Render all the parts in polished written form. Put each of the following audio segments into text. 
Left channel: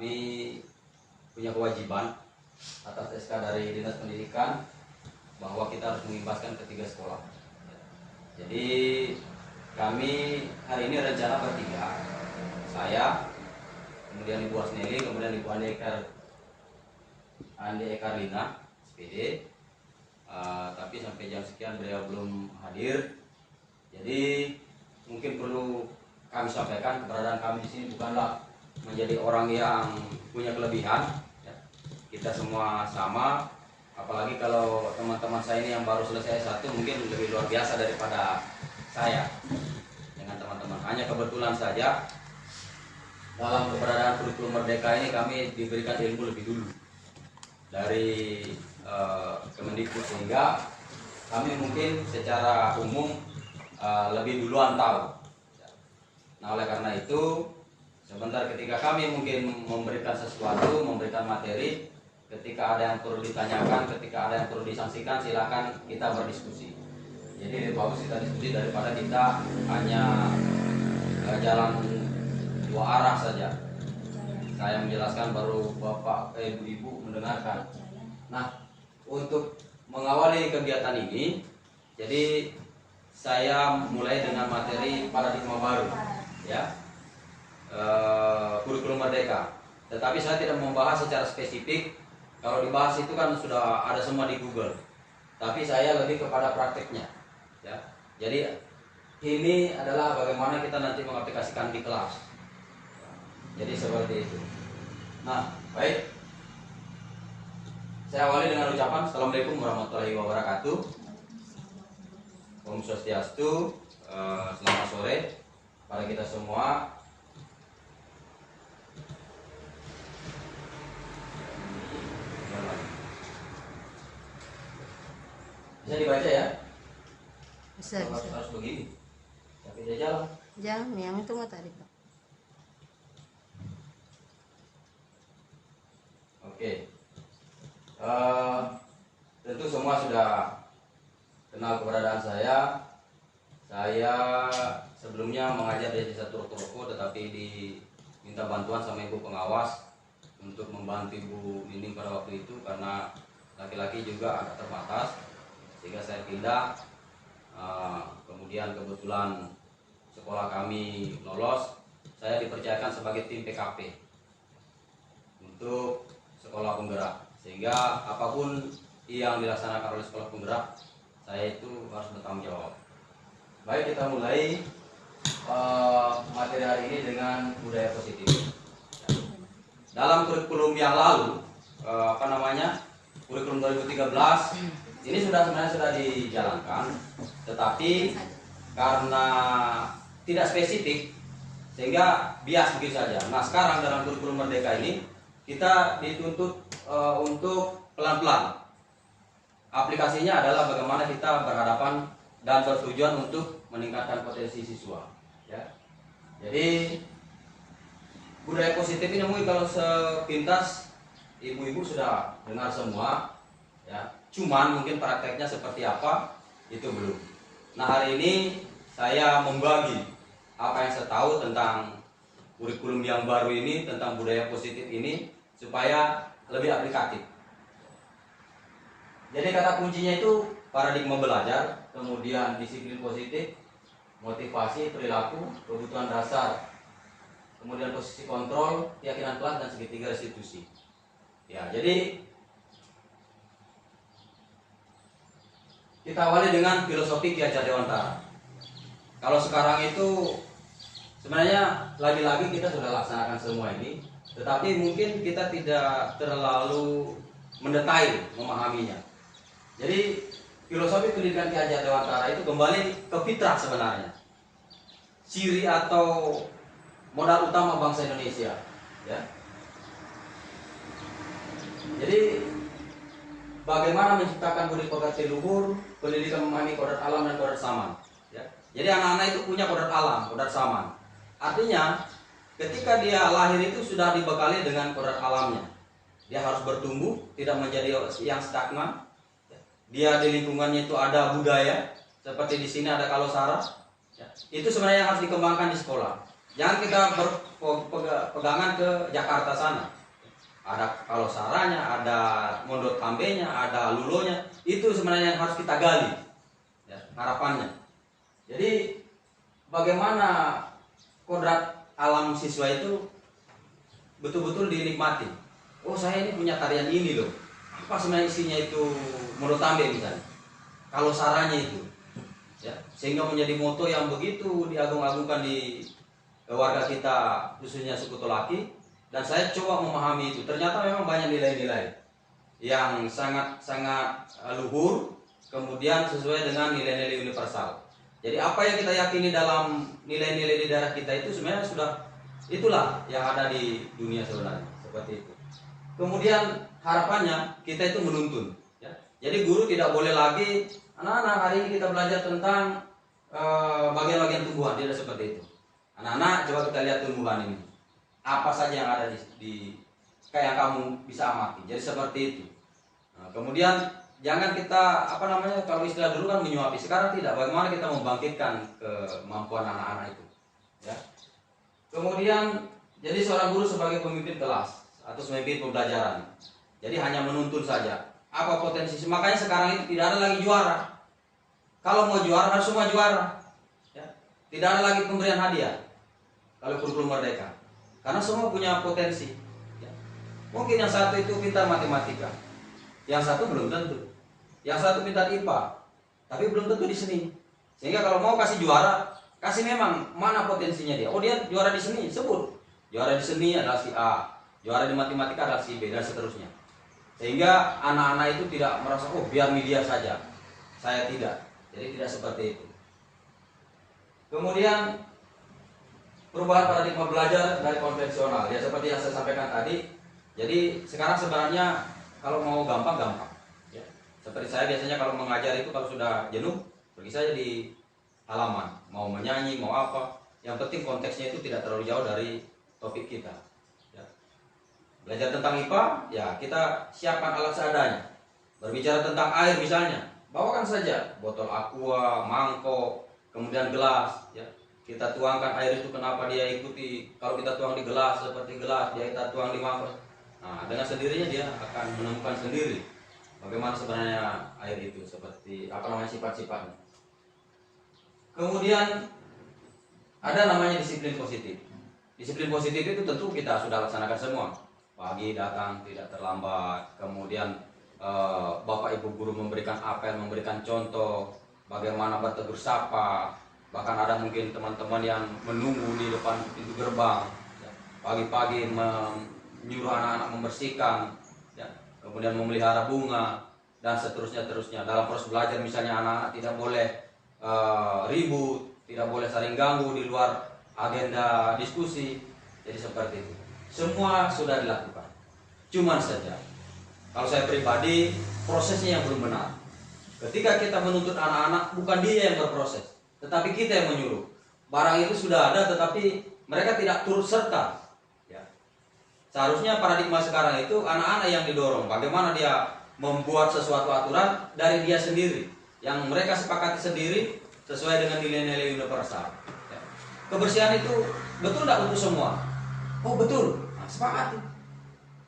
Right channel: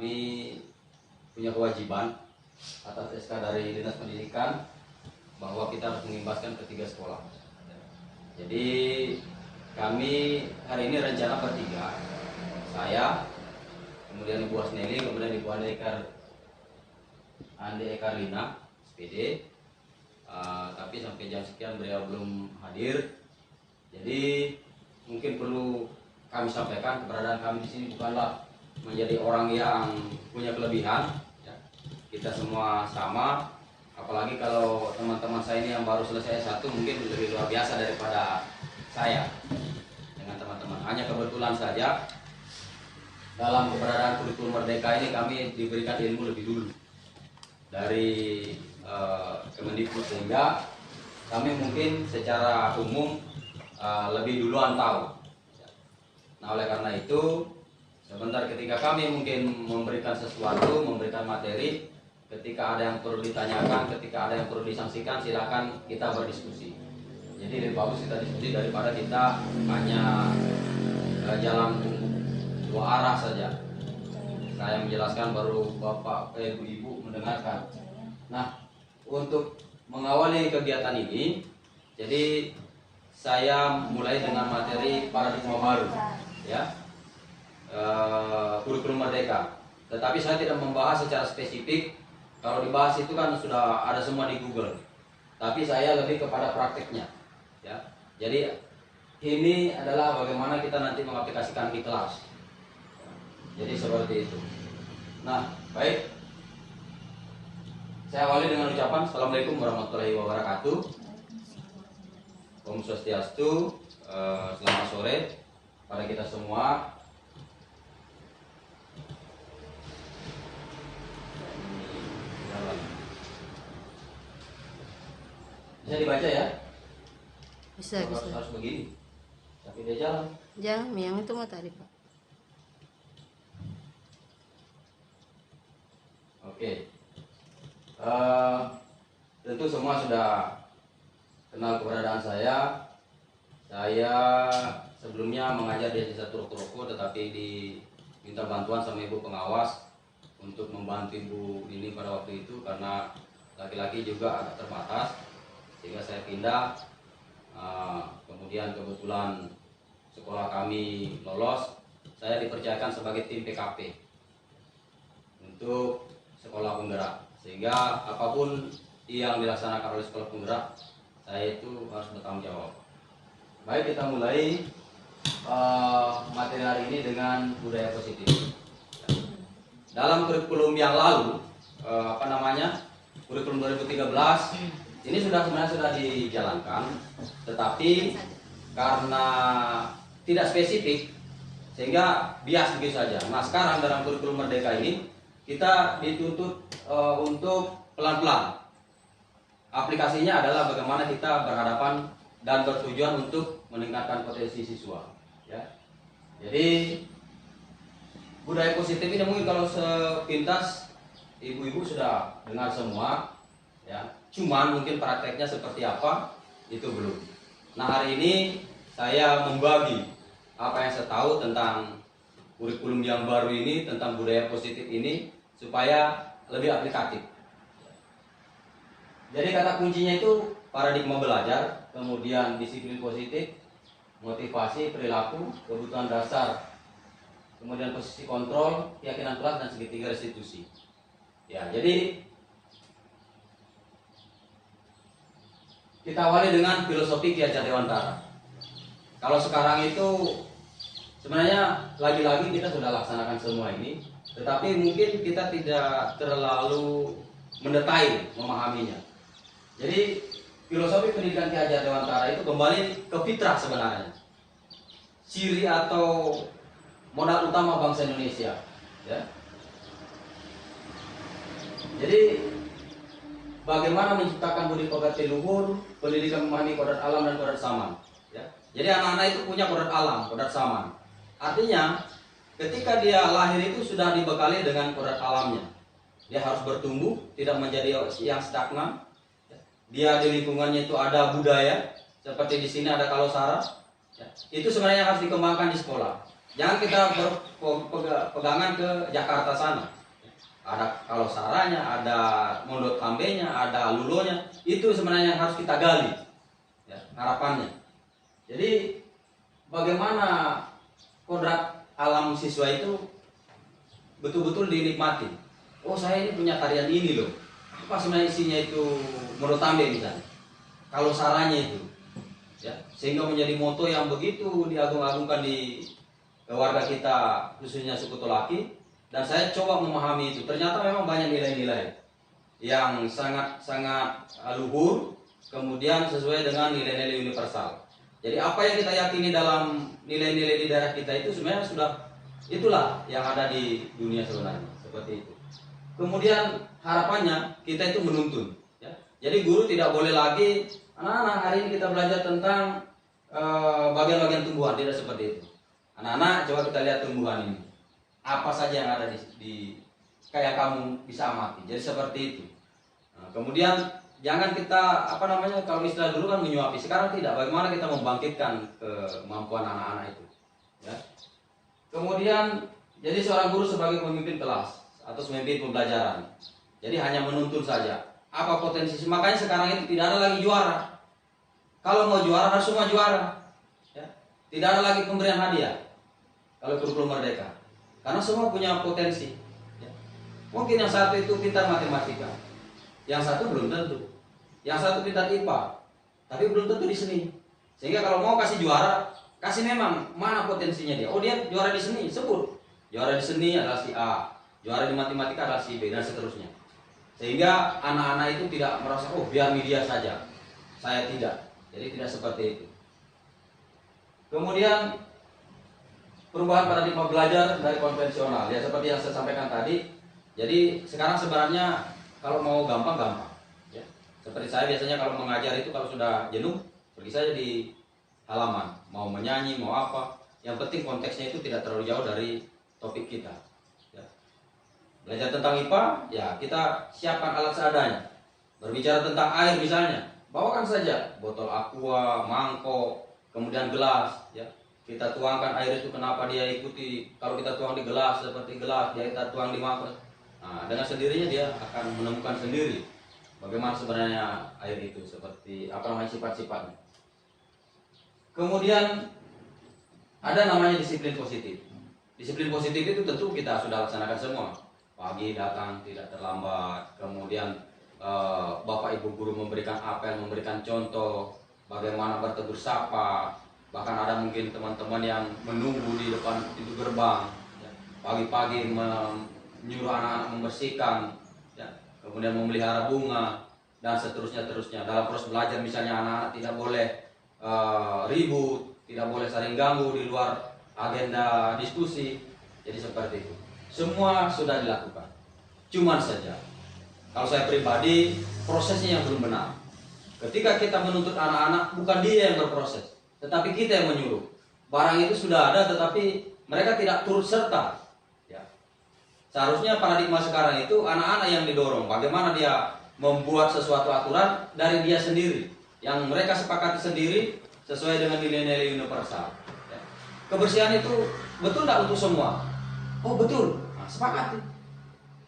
Kami punya kewajiban atas SK dari Dinas Pendidikan bahwa kita harus mengimbaskan ketiga sekolah. Jadi kami hari ini rencana bertiga, saya, kemudian Ibu Asneli, kemudian Ibu Andi Ekarlina, SPD. Tapi sampai jam sekian beliau belum hadir. Jadi mungkin perlu kami sampaikan keberadaan kami di sini bukanlah menjadi orang yang punya kelebihan. Ya. Kita semua sama. Apalagi kalau teman-teman saya ini yang baru selesai S1 mungkin lebih luar biasa daripada saya dengan teman-teman. Hanya kebetulan saja dalam keberadaan kurikulum Merdeka ini kami diberikan ilmu lebih dulu dari Kemendikbud, sehingga kami mungkin secara umum lebih duluan tahu. Nah, oleh karena itu sebentar ketika kami mungkin memberikan sesuatu, memberikan materi, ketika ada yang perlu ditanyakan, ketika ada yang perlu disangsikan, silakan kita berdiskusi. Jadi lebih bagus kita diskusi daripada kita hanya jalan dua arah saja. Saya menjelaskan baru bapak ibu mendengarkan. Nah, untuk mengawali kegiatan ini, jadi saya mulai dengan materi paradigma baru, ya, kurikulum Merdeka. Tetapi saya tidak membahas secara spesifik. Kalau dibahas itu kan sudah ada semua di Google. Tapi saya lebih kepada prakteknya, ya. Jadi ini adalah bagaimana kita nanti mengaplikasikan di kelas. Jadi seperti itu. Nah, baik. Saya awali dengan ucapan Assalamualaikum warahmatullahi wabarakatuh. Om Swastiastu. Selamat sore pada kita semua. Bisa dibaca ya? Bisa. Harus begini. Tapi dia jalan. Jangan, yang itu mau tarik, Pak. Oke. Tentu semua sudah kenal keberadaan saya. Saya sebelumnya mengajar di desa Turuk-Turuk, tetapi diminta bantuan sama ibu pengawas untuk membantu ibu ini pada waktu itu karena laki-laki juga agak terbatas, sehingga saya pindah. Kemudian kebetulan sekolah kami lolos, saya dipercayakan sebagai tim PKP untuk sekolah penggerak, sehingga apapun yang dilaksanakan oleh sekolah penggerak, saya itu harus bertanggung jawab. Baik, kita mulai materi hari ini dengan budaya positif. Dalam kurikulum yang lalu, kurikulum 2013 ini sebenarnya sudah dijalankan, tetapi karena tidak spesifik sehingga bias begitu saja. Nah, sekarang dalam kurikulum Merdeka ini kita dituntut untuk pelan-pelan. Aplikasinya adalah bagaimana kita berhadapan dan bertujuan untuk meningkatkan potensi siswa. Ya. Jadi budaya positif ini mungkin kalau sepintas ibu-ibu sudah dengar semua, ya. Cuman mungkin prakteknya seperti apa itu belum. Nah, hari ini saya membagi apa yang saya tahu tentang kurikulum yang baru ini, tentang budaya positif ini, supaya lebih aplikatif. Jadi kata kuncinya itu paradigma belajar, kemudian disiplin positif, motivasi, perilaku, kebutuhan dasar, kemudian posisi kontrol, keyakinan kelas, dan segitiga restitusi. Ya, jadi kita awali dengan filosofi Ki Hajar Dewantara. Kalau sekarang itu sebenarnya lagi-lagi kita sudah laksanakan semua ini, tetapi mungkin kita tidak terlalu mendetail memahaminya. Jadi filosofi pendidikan Ki Hajar Dewantara itu kembali ke fitrah sebenarnya, ciri atau modal utama bangsa Indonesia. Ya. Jadi bagaimana menciptakan budi pekerti luhur, pendidikan memahami kodrat alam dan kodrat saman. Ya. Jadi anak-anak itu punya kodrat alam, kodrat saman. Artinya ketika dia lahir itu sudah dibekali dengan kodrat alamnya. Dia harus bertumbuh, tidak menjadi yang stagnan. Dia di lingkungannya itu ada budaya, seperti di sini ada kalosara. Ya. Itu sebenarnya yang harus dikembangkan di sekolah. Jangan kita pegangan ke Jakarta sana. Ada kalau saranya, ada mondok tambenya, ada lulonya, itu sebenarnya yang harus kita gali, ya, harapannya. Jadi bagaimana kodrat alam siswa itu betul-betul dinikmati. Oh, saya ini punya tarian ini loh. Apa sebenarnya isinya itu mondok tambe misalnya. Kalau saranya itu, ya, sehingga menjadi moto yang begitu diagung-agungkan di warga kita, khususnya suku Tolaki. Dan saya coba memahami itu. Ternyata memang banyak nilai-nilai yang sangat-sangat luhur, kemudian sesuai dengan nilai-nilai universal. Jadi apa yang kita yakini dalam nilai-nilai di daerah kita itu sebenarnya sudah itulah yang ada di dunia sebenarnya, seperti itu. Kemudian harapannya kita itu menuntun, ya. Jadi guru tidak boleh lagi anak-anak hari ini kita belajar tentang bagian-bagian tumbuhan, tidak seperti itu. Anak-anak coba kita lihat tumbuhan ini, apa saja yang ada di kayak kamu bisa amati. Jadi seperti itu. Nah, kemudian jangan kita kalau istilah dulu kan menyuapi, sekarang tidak. Bagaimana kita membangkitkan kemampuan anak-anak itu, ya. Kemudian jadi seorang guru sebagai pemimpin kelas atau pemimpin pembelajaran. Jadi hanya menuntun saja. Apa potensi? Makanya sekarang itu tidak ada lagi juara. Kalau mau juara harus semua juara, ya. Tidak ada lagi pemberian hadiah kalau kurikulum merdeka. Karena semua punya potensi, ya. Mungkin yang satu itu pintar matematika, yang satu belum tentu, yang satu pintar IPA, tapi belum tentu di seni. Sehingga kalau mau kasih juara, kasih memang mana potensinya dia. Oh, dia juara di seni, sebut. Juara di seni adalah si A, juara di matematika adalah si B, dan seterusnya. Sehingga anak-anak itu tidak merasa, oh biar media saja, saya tidak. Jadi tidak seperti itu. Kemudian perubahan paradigma belajar dari konvensional, ya seperti yang saya sampaikan tadi. Jadi sekarang sebenarnya kalau mau gampang, ya. Seperti saya biasanya kalau mengajar itu kalau sudah jenuh pergi saja di halaman, mau menyanyi mau apa, yang penting konteksnya itu tidak terlalu jauh dari topik kita, ya. Belajar tentang IPA, ya kita siapkan alat seadanya. Berbicara tentang air misalnya, bawakan saja botol aqua, mangkok, kemudian gelas, ya. Kita tuangkan air itu, kenapa dia ikuti. Kalau kita tuang di gelas seperti gelas, dia kita tuang di mangkok. Nah, dengan sendirinya dia akan menemukan sendiri bagaimana sebenarnya air itu, seperti sifat-sifatnya. Kemudian ada namanya disiplin positif. Disiplin positif itu tentu kita sudah laksanakan semua. Pagi datang tidak terlambat. Kemudian Bapak Ibu guru memberikan apel, memberikan contoh bagaimana bertegur sapa. Bahkan ada mungkin teman-teman yang menunggu di depan pintu gerbang, ya. Pagi-pagi menyuruh anak-anak membersihkan, ya. Kemudian memelihara bunga dan seterusnya. Dalam proses belajar misalnya anak-anak tidak boleh ribut, tidak boleh saling ganggu di luar agenda diskusi. Jadi seperti itu. Semua sudah dilakukan. Cuman saja kalau saya pribadi prosesnya yang belum benar. Ketika kita menuntut anak-anak, bukan dia yang berproses, tetapi kita yang menyuruh. Barang itu sudah ada, tetapi mereka tidak turut serta, ya. Seharusnya paradigma sekarang itu anak-anak yang didorong. Bagaimana dia membuat sesuatu aturan dari dia sendiri, yang mereka sepakati sendiri sesuai dengan nilai-nilai universal, ya. Kebersihan itu betul tidak untuk semua? Oh betul, nah, sepakati,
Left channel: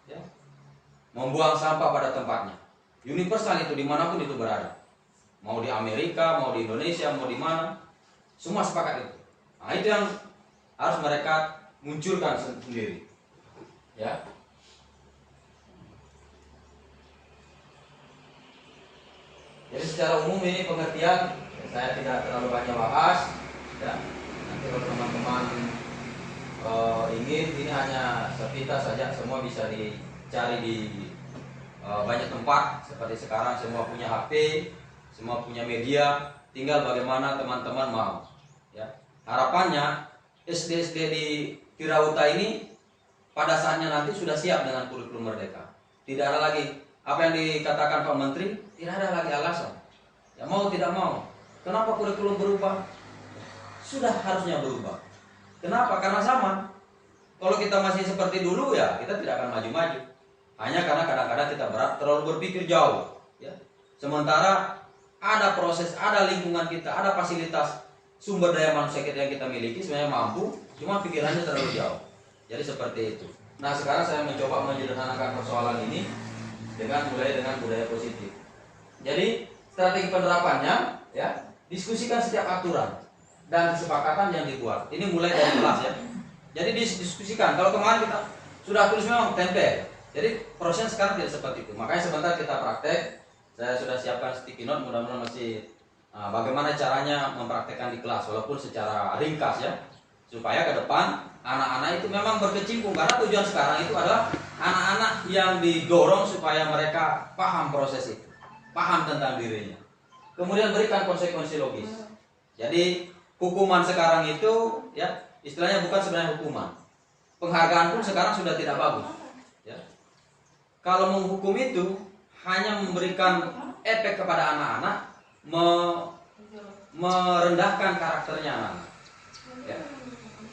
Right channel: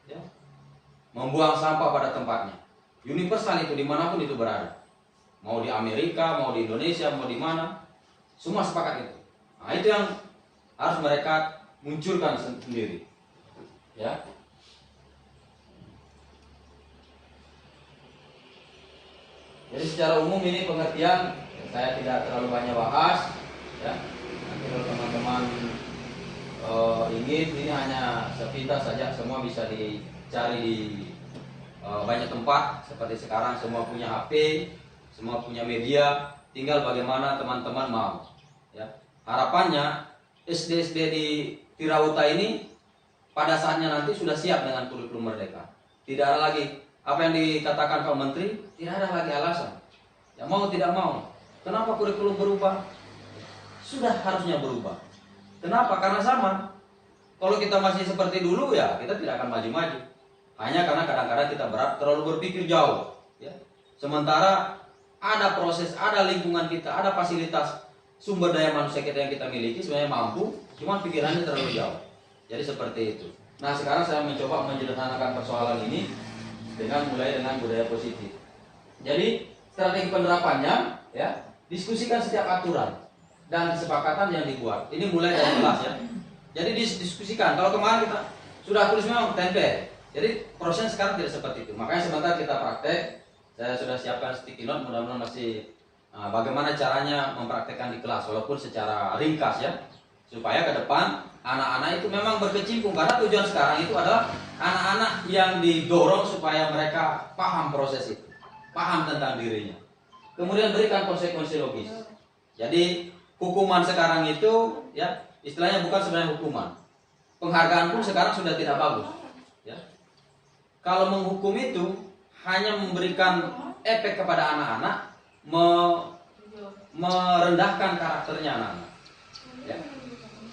ya. Membuang sampah pada tempatnya, universal itu dimanapun itu berada. Mau di Amerika, mau di Indonesia, mau di mana, semua sepakat itu. Nah, itu yang harus mereka munculkan sendiri, ya. Jadi secara umum ini pengertian saya tidak terlalu banyak bahas, ya. Nanti kalau teman-teman ingin, ini hanya sepintas saja, semua bisa dicari di banyak tempat. Seperti sekarang semua punya HP, semua punya media, tinggal bagaimana teman-teman mau, ya. Harapannya SD-SD di Tirauta ini pada saatnya nanti sudah siap dengan kurikulum merdeka. Tidak ada lagi apa yang dikatakan Pak Menteri, tidak ada lagi alasan, ya, mau tidak mau. Kenapa kurikulum berubah? Sudah harusnya berubah. Kenapa? Karena zaman. Kalau kita masih seperti dulu, ya kita tidak akan maju-maju. Hanya karena kadang-kadang kita terlalu berpikir jauh, ya. Sementara ada proses, ada lingkungan kita, ada fasilitas, sumber daya manusia kita yang kita miliki sebenarnya mampu, cuma pikirannya terlalu jauh. Jadi seperti itu. Nah sekarang saya mencoba menyederhanakan persoalan ini dengan mulai dengan budaya positif. Jadi strategi penerapannya, ya, diskusikan setiap aturan dan kesepakatan yang dibuat. Ini mulai dari kelas ya. Jadi didiskusikan. Kalau kemarin kita sudah tulis memang tempel. Jadi prosesnya sekarang tidak seperti itu. Makanya sebentar kita praktek. Saya sudah siapkan sticky note. Mudah-mudahan masih bagaimana caranya mempraktekkan di kelas, walaupun secara ringkas ya, supaya ke depan anak-anak itu memang berkecimpung. Karena tujuan sekarang itu adalah anak-anak yang didorong supaya mereka paham proses itu, paham tentang dirinya. Kemudian berikan konsekuensi logis. Jadi hukuman sekarang itu ya istilahnya bukan sebenarnya hukuman. Penghargaan pun sekarang sudah tidak bagus. Ya. Kalau menghukum itu hanya memberikan efek kepada anak-anak, merendahkan karakternya anak-anak. Ya.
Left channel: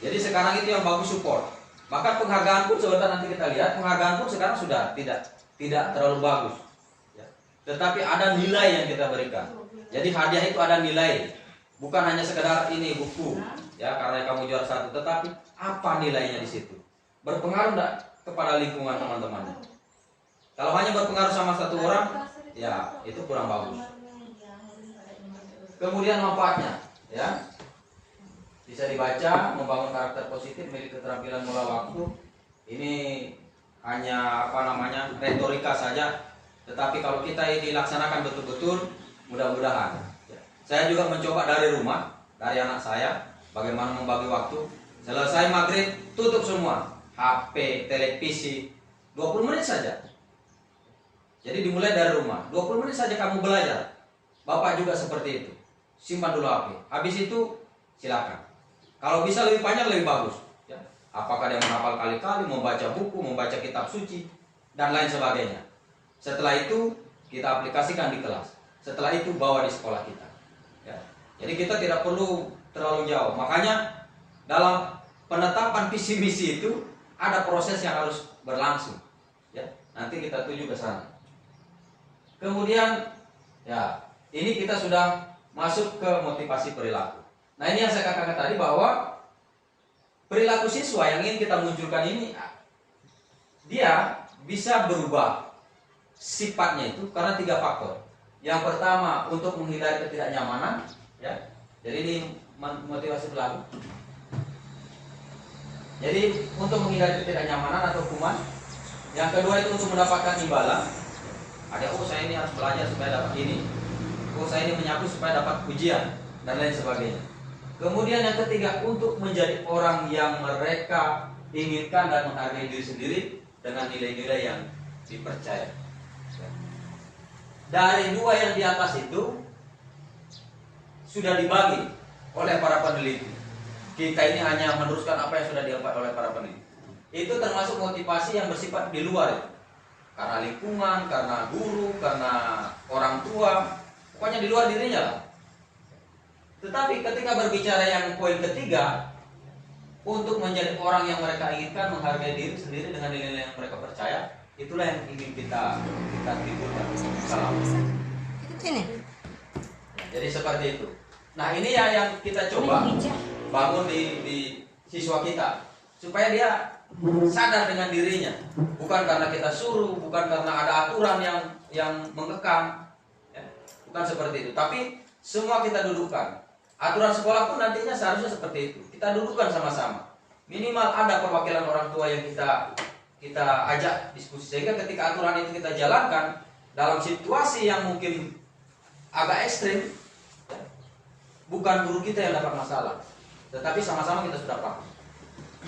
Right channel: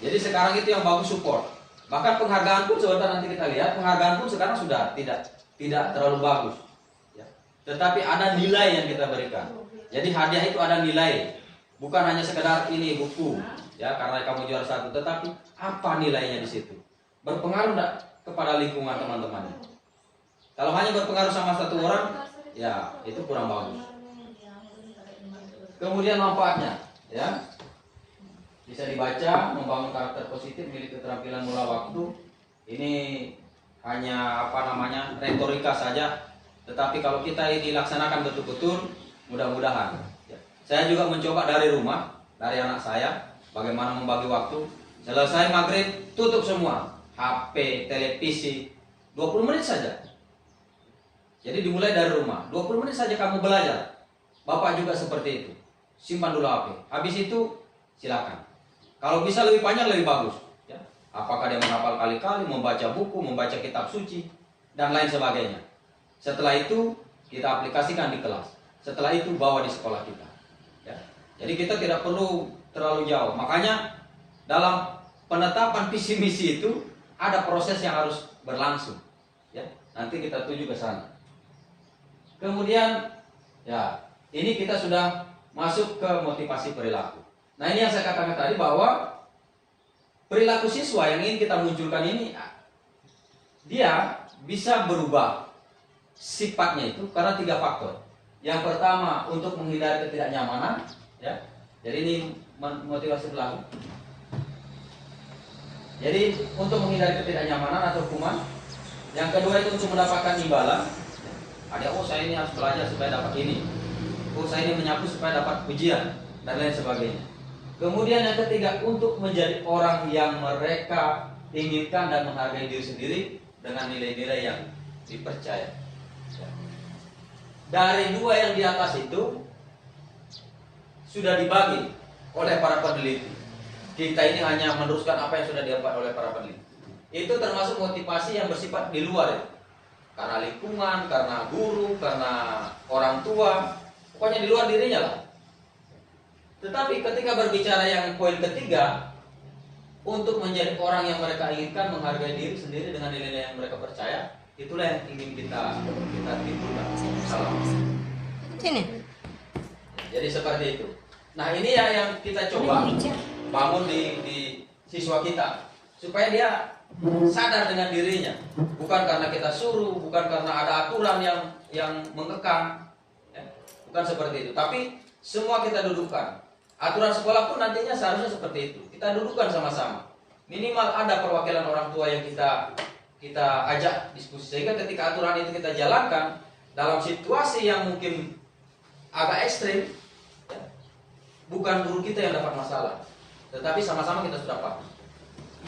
Jadi sekarang itu yang bagus support. Maka penghargaan pun sebentar nanti kita lihat, penghargaan pun sekarang sudah tidak terlalu bagus. Ya. Tetapi ada nilai yang kita berikan. Jadi hadiah itu ada nilai, bukan hanya sekedar ini buku, ya karena kamu juara 1, tetapi apa nilainya di situ? Berpengaruh enggak kepada lingkungan teman-temannya? Kalau hanya berpengaruh sama satu orang, ya itu kurang bagus. Kemudian manfaatnya, ya bisa dibaca, membangun karakter positif, memiliki keterampilan mula waktu. Ini hanya retorika saja, tetapi kalau kita ini dilaksanakan betul-betul, mudah-mudahan. Ya. Saya juga mencoba dari rumah, dari anak saya, bagaimana membagi waktu. Selesai maghrib, tutup semua, HP, televisi, 20 menit saja. Jadi dimulai dari rumah, 20 menit saja kamu belajar. Bapak juga seperti itu. Simpan dulu HP. Habis itu silakan. Kalau bisa lebih panjang lebih bagus. Ya. Apakah dia menghafal kali-kali, membaca buku, membaca kitab suci, dan lain sebagainya. Setelah itu kita aplikasikan di kelas. Setelah itu bawa di sekolah kita. Ya. Jadi kita tidak perlu terlalu jauh. Makanya dalam penetapan visi misi itu ada proses yang harus berlangsung. Ya. Nanti kita tuju ke sana. Kemudian, ya ini kita sudah masuk ke motivasi perilaku. Nah ini yang saya katakan tadi bahwa perilaku siswa yang ingin kita munculkan ini, dia bisa berubah sifatnya itu karena 3 faktor. Yang pertama untuk menghindari ketidaknyamanan, ya. Jadi ini motivasi perilaku. Jadi untuk menghindari ketidaknyamanan atau hukuman. Yang kedua itu untuk mendapatkan imbalan. Ada saya ini harus belajar supaya dapat ini. Saya ini menyapu supaya dapat pujian dan lain sebagainya. Kemudian yang ketiga untuk menjadi orang yang mereka inginkan dan menghargai diri sendiri dengan nilai-nilai yang dipercaya. Dari 2 yang di atas itu sudah dibagi oleh para peneliti. Kita ini hanya meneruskan apa yang sudah didapat oleh para peneliti. Itu termasuk motivasi yang bersifat di luar ya. Karena lingkungan, karena guru, karena orang tua, pokoknya di luar dirinya lah. Tetapi ketika berbicara yang poin ketiga, untuk menjadi orang yang mereka inginkan, menghargai diri sendiri dengan nilai yang mereka percaya, itulah yang ingin kita timbulkan. Salam. Sini. Jadi seperti itu. Nah ini ya yang kita coba bangun di siswa kita, supaya dia sadar dengan dirinya, bukan karena kita suruh, bukan karena ada aturan yang mengekang, ya. Bukan seperti itu. Tapi semua kita dudukkan. Aturan sekolah pun nantinya seharusnya seperti itu. Kita dudukkan sama-sama. Minimal ada perwakilan orang tua yang kita ajak diskusi, sehingga ketika aturan itu kita jalankan dalam situasi yang mungkin agak ekstrim, ya, bukan guru kita yang dapat masalah, tetapi sama-sama kita sudah paham.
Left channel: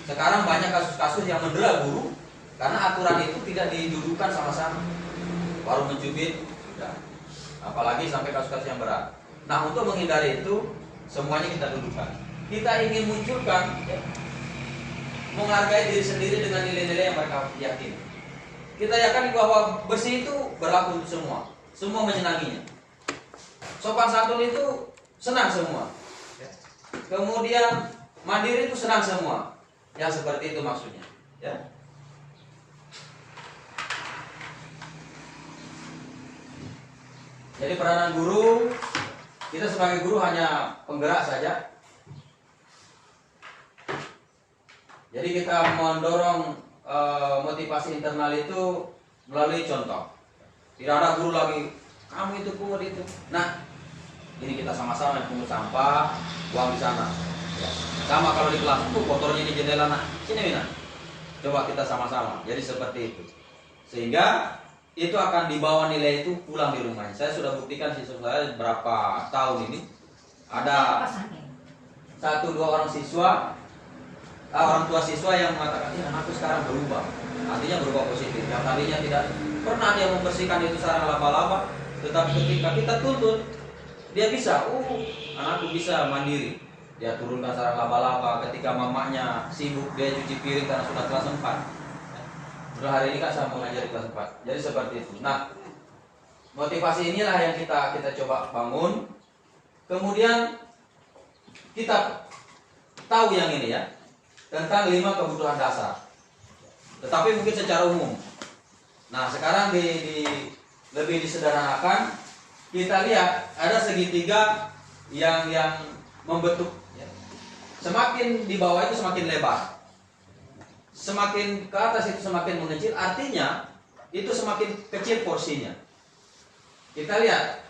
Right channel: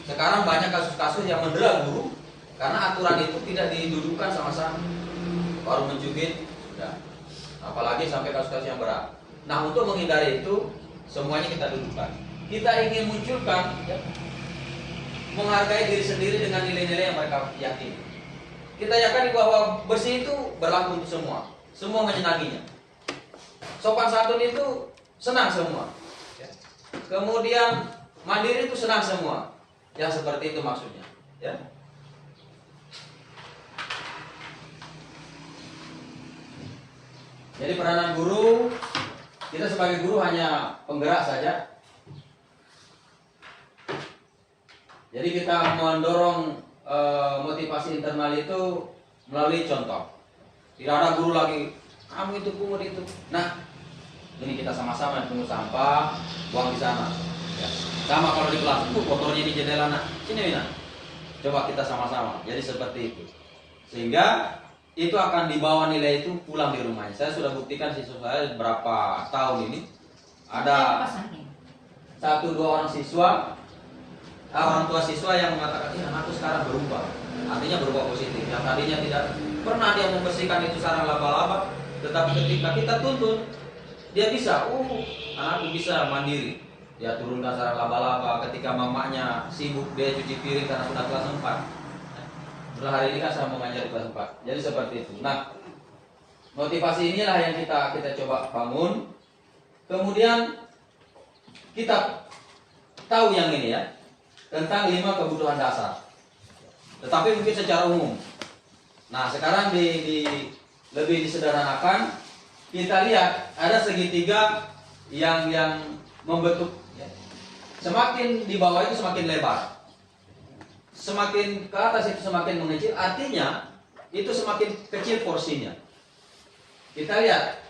Sekarang banyak kasus-kasus yang mendera guru karena aturan itu tidak didudukkan sama-sama, baru mencubit sudah. Apalagi sampai kasus-kasus yang berat. Nah untuk menghindari itu semuanya kita dudukkan. Kita ingin munculkan ya, menghargai diri sendiri dengan nilai-nilai yang mereka yakini. Kita yakini bahwa bersih itu berlaku untuk semua. Semua menyenanginya. Sopan santun itu senang semua. Kemudian mandiri itu senang semua. Yang seperti itu maksudnya, ya. Jadi peranan guru, kita sebagai guru hanya penggerak saja. Jadi Jadi kita mendorong motivasi internal itu melalui contoh. Tidak ada guru lagi, kamu itu pungut itu. Nah, ini kita sama-sama yang pungut sampah, buang di sana. Ya. Sama kalau di kelas, kotornya di jendela, nak. Sini Mina. Coba kita sama-sama. Jadi seperti itu. Sehingga itu akan dibawa nilai itu pulang di rumahnya. Saya sudah buktikan siswa saya berapa tahun ini. Ada 1-2 orang siswa, orang tua siswa yang mengatakan, anakku sekarang berubah. Artinya berubah positif. Yang tadinya tidak pernah dia membersihkan itu sarang laba-laba, tetapi ketika kita tuntun, dia bisa. Anakku bisa mandiri. Dia turunkan sarang laba-laba. Ketika mamanya sibuk, dia cuci piring karena sudah kelas 4. Setelah hari ini kan saya mengajar kelas 4. Jadi seperti itu. Nah, motivasi inilah yang kita coba bangun. Kemudian kita tahu yang ini ya, tentang 5 kebutuhan dasar. Tetapi mungkin secara umum. Nah, sekarang lebih disederhanakan, kita lihat ada segitiga yang membentuk ya. Semakin di bawah itu semakin lebar. Semakin ke atas itu semakin mengecil, artinya itu semakin kecil porsinya. Kita lihat,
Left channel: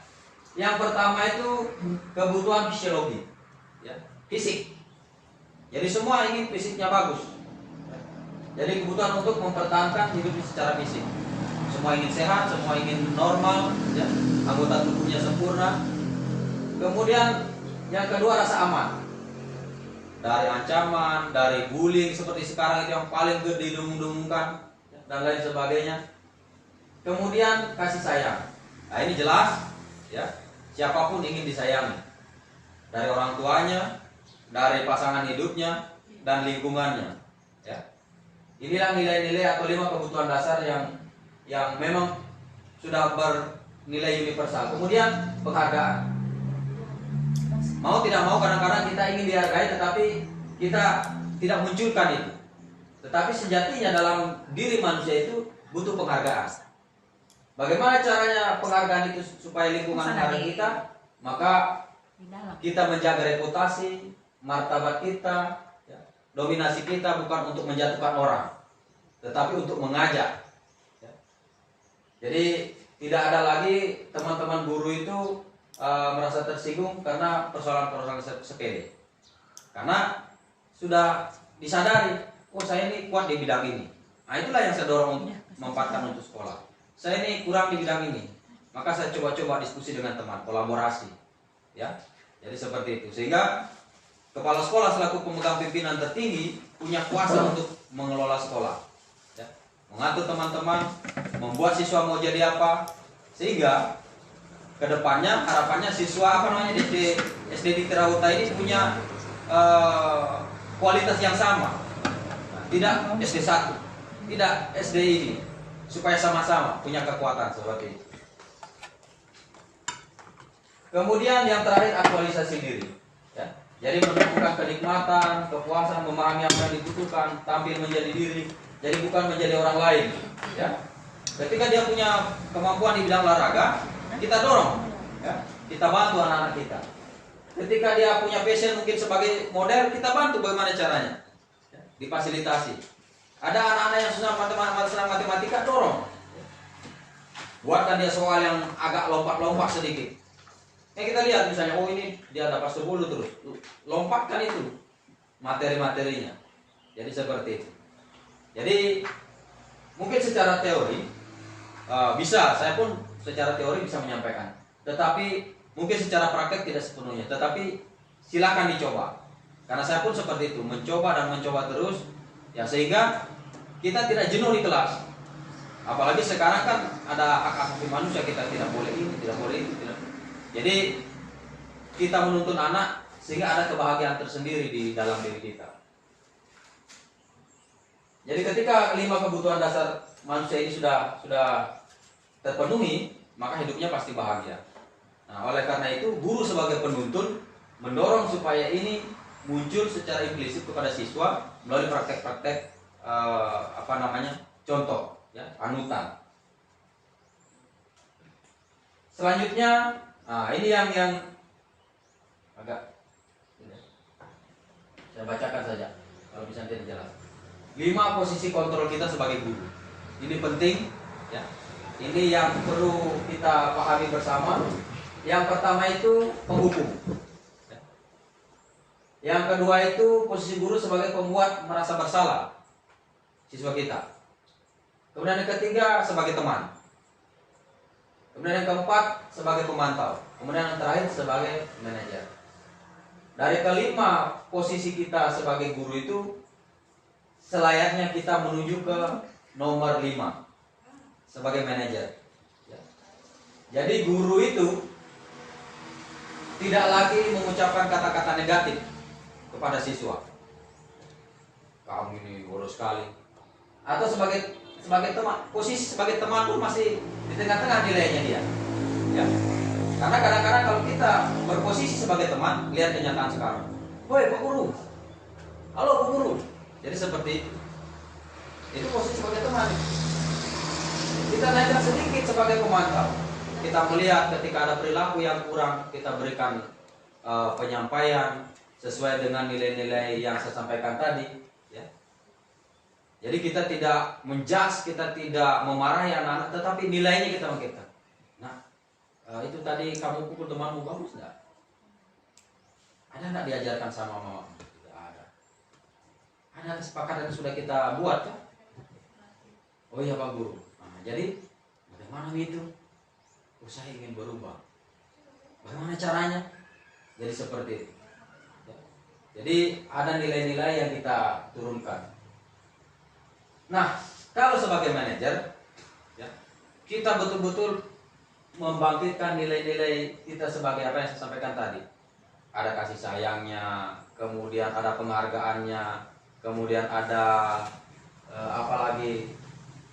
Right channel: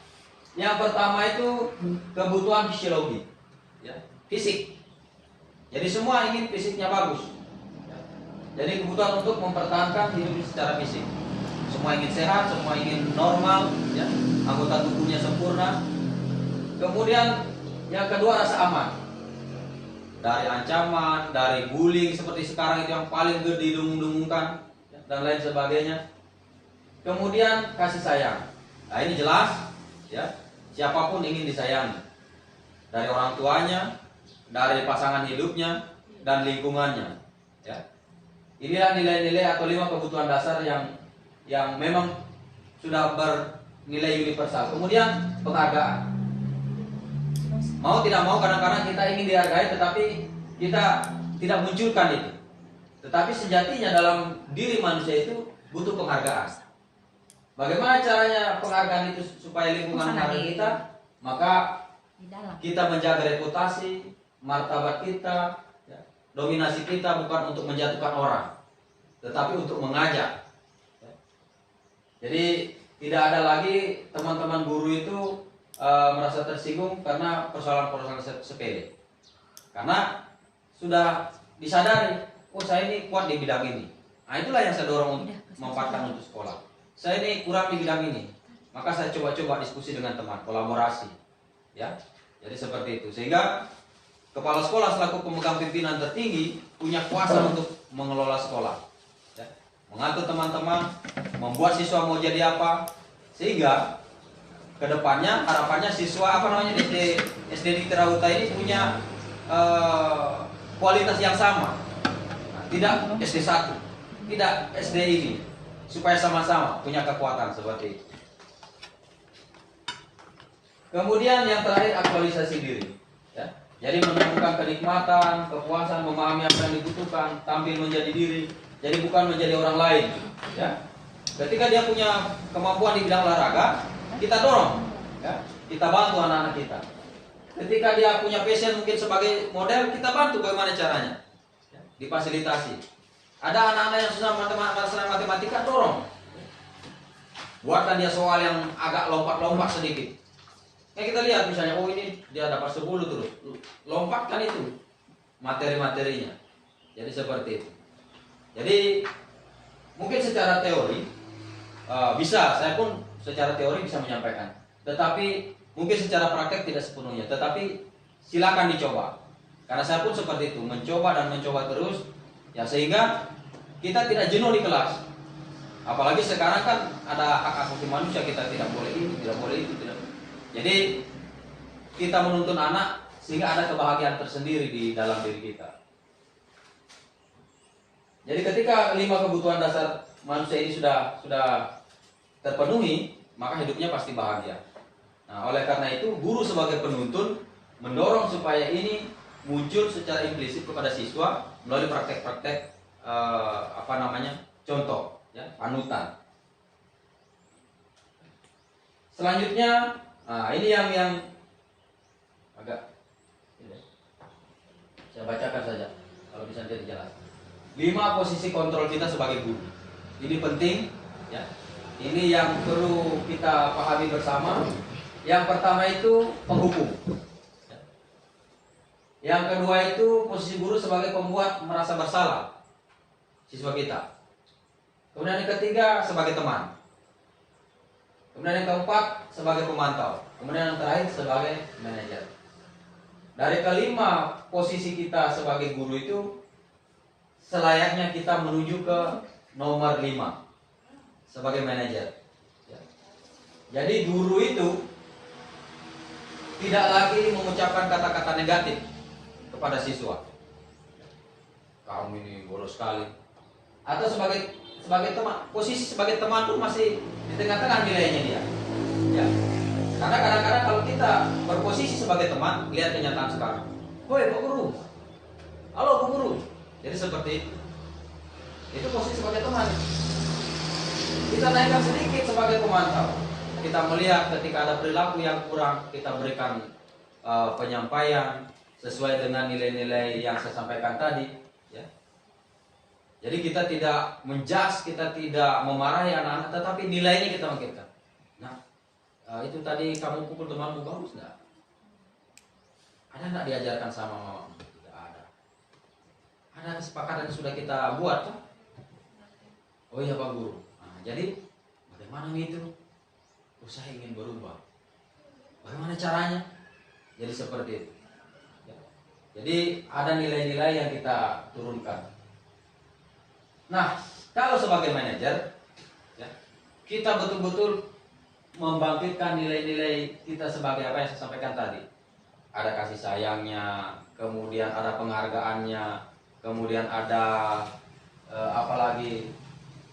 yang pertama itu kebutuhan fisiologi, ya, fisik. Jadi semua ingin fisiknya bagus. Jadi kebutuhan untuk mempertahankan hidup secara fisik. Semua ingin sehat, semua ingin normal, ya, anggota tubuhnya sempurna. Kemudian yang kedua rasa aman. Dari ancaman, dari bullying seperti sekarang itu yang paling gede didengung-dengungkan dan lain sebagainya. Kemudian kasih sayang. Nah, ini jelas ya, siapapun ingin disayangi. Dari orang tuanya, dari pasangan hidupnya dan lingkungannya, ya. Inilah nilai-nilai atau 5 kebutuhan dasar yang memang sudah bernilai universal. Kemudian penghargaan. Mau tidak mau kadang-kadang kita ingin dihargai, tetapi kita tidak munculkan itu. Tetapi sejatinya dalam diri manusia itu butuh penghargaan. Bagaimana caranya penghargaan itu supaya lingkungan menghargai kita? Maka kita menjaga reputasi, martabat kita, ya. Dominasi kita bukan untuk menjatuhkan orang, tetapi untuk mengajak. Ya. Jadi tidak ada lagi teman-teman guru itu merasa tersinggung karena persoalan-persoalan sepele. Karena sudah disadari, saya ini kuat di bidang ini. Nah, itulah yang saya dorong untuk memanfaatkan untuk sekolah. Saya ini kurang di bidang ini, maka saya coba-coba diskusi dengan teman, kolaborasi, ya. Jadi seperti itu. Sehingga kepala sekolah selaku pemegang pimpinan tertinggi punya kuasa untuk mengelola sekolah, ya. Mengatur teman-teman, membuat siswa mau jadi apa, sehingga kedepannya harapannya siswa SD di Terawuta ini punya kualitas yang sama. Nah, tidak SD 1, tidak SD ini, supaya sama-sama punya kekuatan seperti itu. Kemudian yang terakhir aktualisasi diri, ya. Jadi menemukan kenikmatan, kepuasan, memahami apa yang dibutuhkan, tampil menjadi diri, jadi bukan menjadi orang lain, ya. Ketika dia punya kemampuan di bidang olahraga, kita dorong, ya. Kita bantu anak-anak kita. Ketika dia punya passion mungkin sebagai model, kita bantu bagaimana caranya, ya. Difasilitasi. Ada anak-anak yang susah matematika, dorong. Buatkan dia soal yang agak lompat-lompat sedikit. Kita lihat misalnya, ini dia dapat 10 terus, lompatkan itu materi-materinya. Jadi seperti itu. Jadi mungkin secara teori bisa, saya pun secara teori bisa menyampaikan. Tetapi mungkin secara praktek tidak sepenuhnya. Tetapi silakan dicoba. Karena saya pun seperti itu, mencoba dan mencoba terus, ya, sehingga kita tidak jenuh di kelas. Apalagi sekarang kan ada hak asasi manusia, kita tidak boleh ini, tidak boleh itu, tidak. Jadi kita menuntun anak sehingga ada kebahagiaan tersendiri di dalam diri kita. Jadi ketika 5 kebutuhan dasar manusia ini sudah terpenuhi, maka hidupnya pasti bahagia. Nah, oleh karena itu guru sebagai penuntun mendorong supaya ini muncul secara implisit kepada siswa melalui praktek-praktek contoh, ya, panutan. Selanjutnya, ini yang agak, saya bacakan saja kalau bisa jadi jelas. 5 posisi kontrol kita sebagai guru. Ini penting, ya. Ini yang perlu kita pahami bersama. Yang pertama itu penghukum. Yang kedua itu posisi guru sebagai pembuat merasa bersalah siswa kita. Kemudian yang ketiga sebagai teman. Kemudian yang keempat sebagai pemantau. Kemudian yang terakhir sebagai manajer. Dari kelima posisi kita sebagai guru itu selayaknya kita menuju ke nomor 5 sebagai manajer. Ya. Jadi guru itu tidak lagi mengucapkan kata-kata negatif kepada siswa. Kamu ini boros sekali. Atau sebagai teman, posisi sebagai teman tuh masih di tengah-tengah nilainya dia. Ya. Karena kadang-kadang kalau kita berposisi sebagai teman, lihat kenyataan sekarang. Woi, Pak Guru. Halo, Pak Guru. Jadi seperti itu. Itu posisi sebagai teman. Kita naikkan sedikit sebagai pemantau. Kita melihat ketika ada perilaku yang kurang, kita berikan penyampaian sesuai dengan nilai-nilai yang saya sampaikan tadi. Ya. Jadi kita tidak menjudge, kita tidak memarahi anak-anak, tetapi nilainya kita bangkitkan. Nah, itu tadi kamu pukul temanmu, bagus enggak? Ada enggak diajarkan sama mamamu? Tidak ada. Ada kesepakatan yang sudah kita buat kan? Oh iya Pak Guru. Nah, jadi bagaimana itu? Oh, saya ingin berubah. Bagaimana caranya? Jadi seperti itu. Ya. Jadi ada nilai-nilai yang kita turunkan. Nah, kalau sebagai manajer, ya, kita betul-betul membangkitkan nilai-nilai kita sebagai apa yang saya sampaikan tadi. Ada kasih sayangnya, kemudian ada penghargaannya, kemudian ada apalagi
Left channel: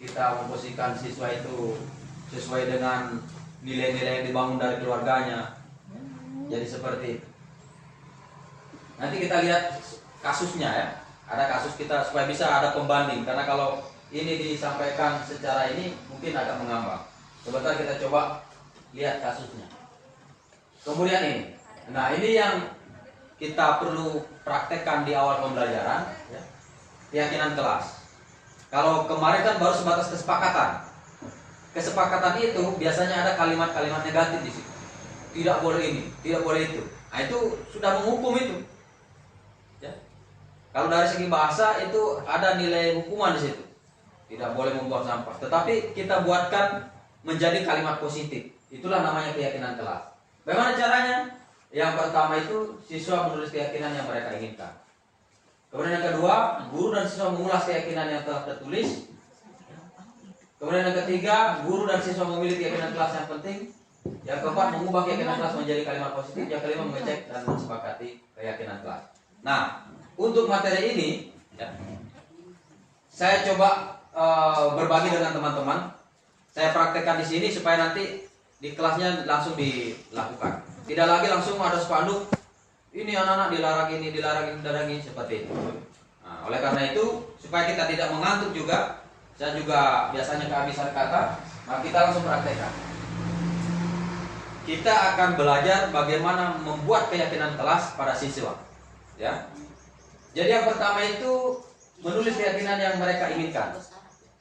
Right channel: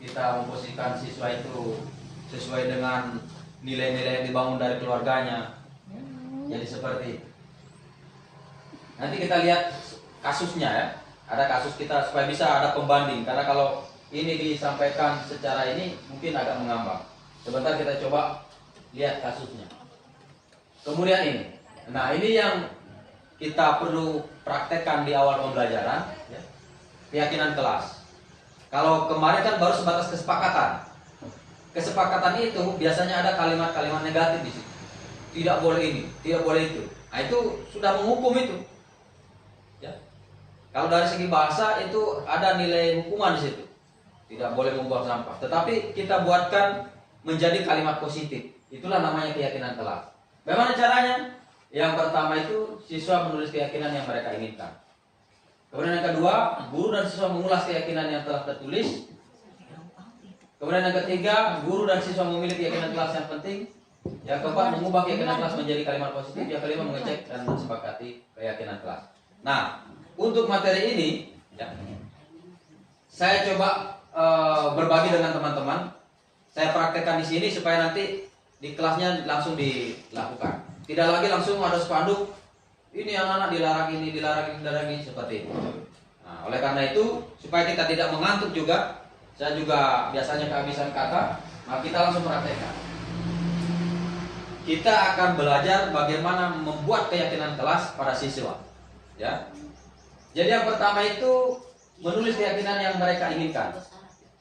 kita memposisikan siswa itu sesuai dengan nilai-nilai yang dibangun dari keluarganya. Jadi seperti itu. Nanti kita lihat kasusnya ya. Ada kasus kita supaya bisa ada pembanding. Karena kalau ini disampaikan secara ini mungkin agak mengambang. Sebentar kita coba lihat kasusnya. Kemudian ini. Nah, ini yang kita perlu praktekkan di awal pembelajaran, ya. Keyakinan kelas. Kalau kemarin kan baru sebatas kesepakatan. Kesepakatan itu biasanya ada kalimat-kalimat negatif di situ. Tidak boleh ini, tidak boleh itu. Nah, itu sudah menghukum itu. Ya. Kalau dari segi bahasa itu ada nilai hukuman di situ. Tidak boleh membuang sampah. Tetapi kita buatkan menjadi kalimat positif. Itulah namanya keyakinan kelas. Bagaimana caranya? Yang pertama itu siswa menulis keyakinan yang mereka inginkan. Kemudian yang kedua, guru dan siswa mengulas keyakinan yang telah tertulis. Kemudian yang ketiga, guru dan siswa memilih keyakinan kelas yang penting. Yang keempat, mengubah keyakinan kelas menjadi kalimat positif. Yang kelima, mengecek dan mensepakati keyakinan kelas. Nah, untuk materi ini, ya, saya coba berbagi dengan teman-teman. Saya praktekkan di sini supaya nanti di kelasnya langsung dilakukan. Tidak lagi langsung ada spanduk. Ini anak-anak dilarang ini, dilarang ini seperti itu. Nah, oleh karena itu, supaya kita tidak mengantuk juga, saya juga biasanya kehabisan kata, maka kita langsung praktekkan. Kita akan belajar bagaimana membuat keyakinan kelas pada siswa. Ya. Jadi yang pertama itu menulis keyakinan yang mereka inginkan.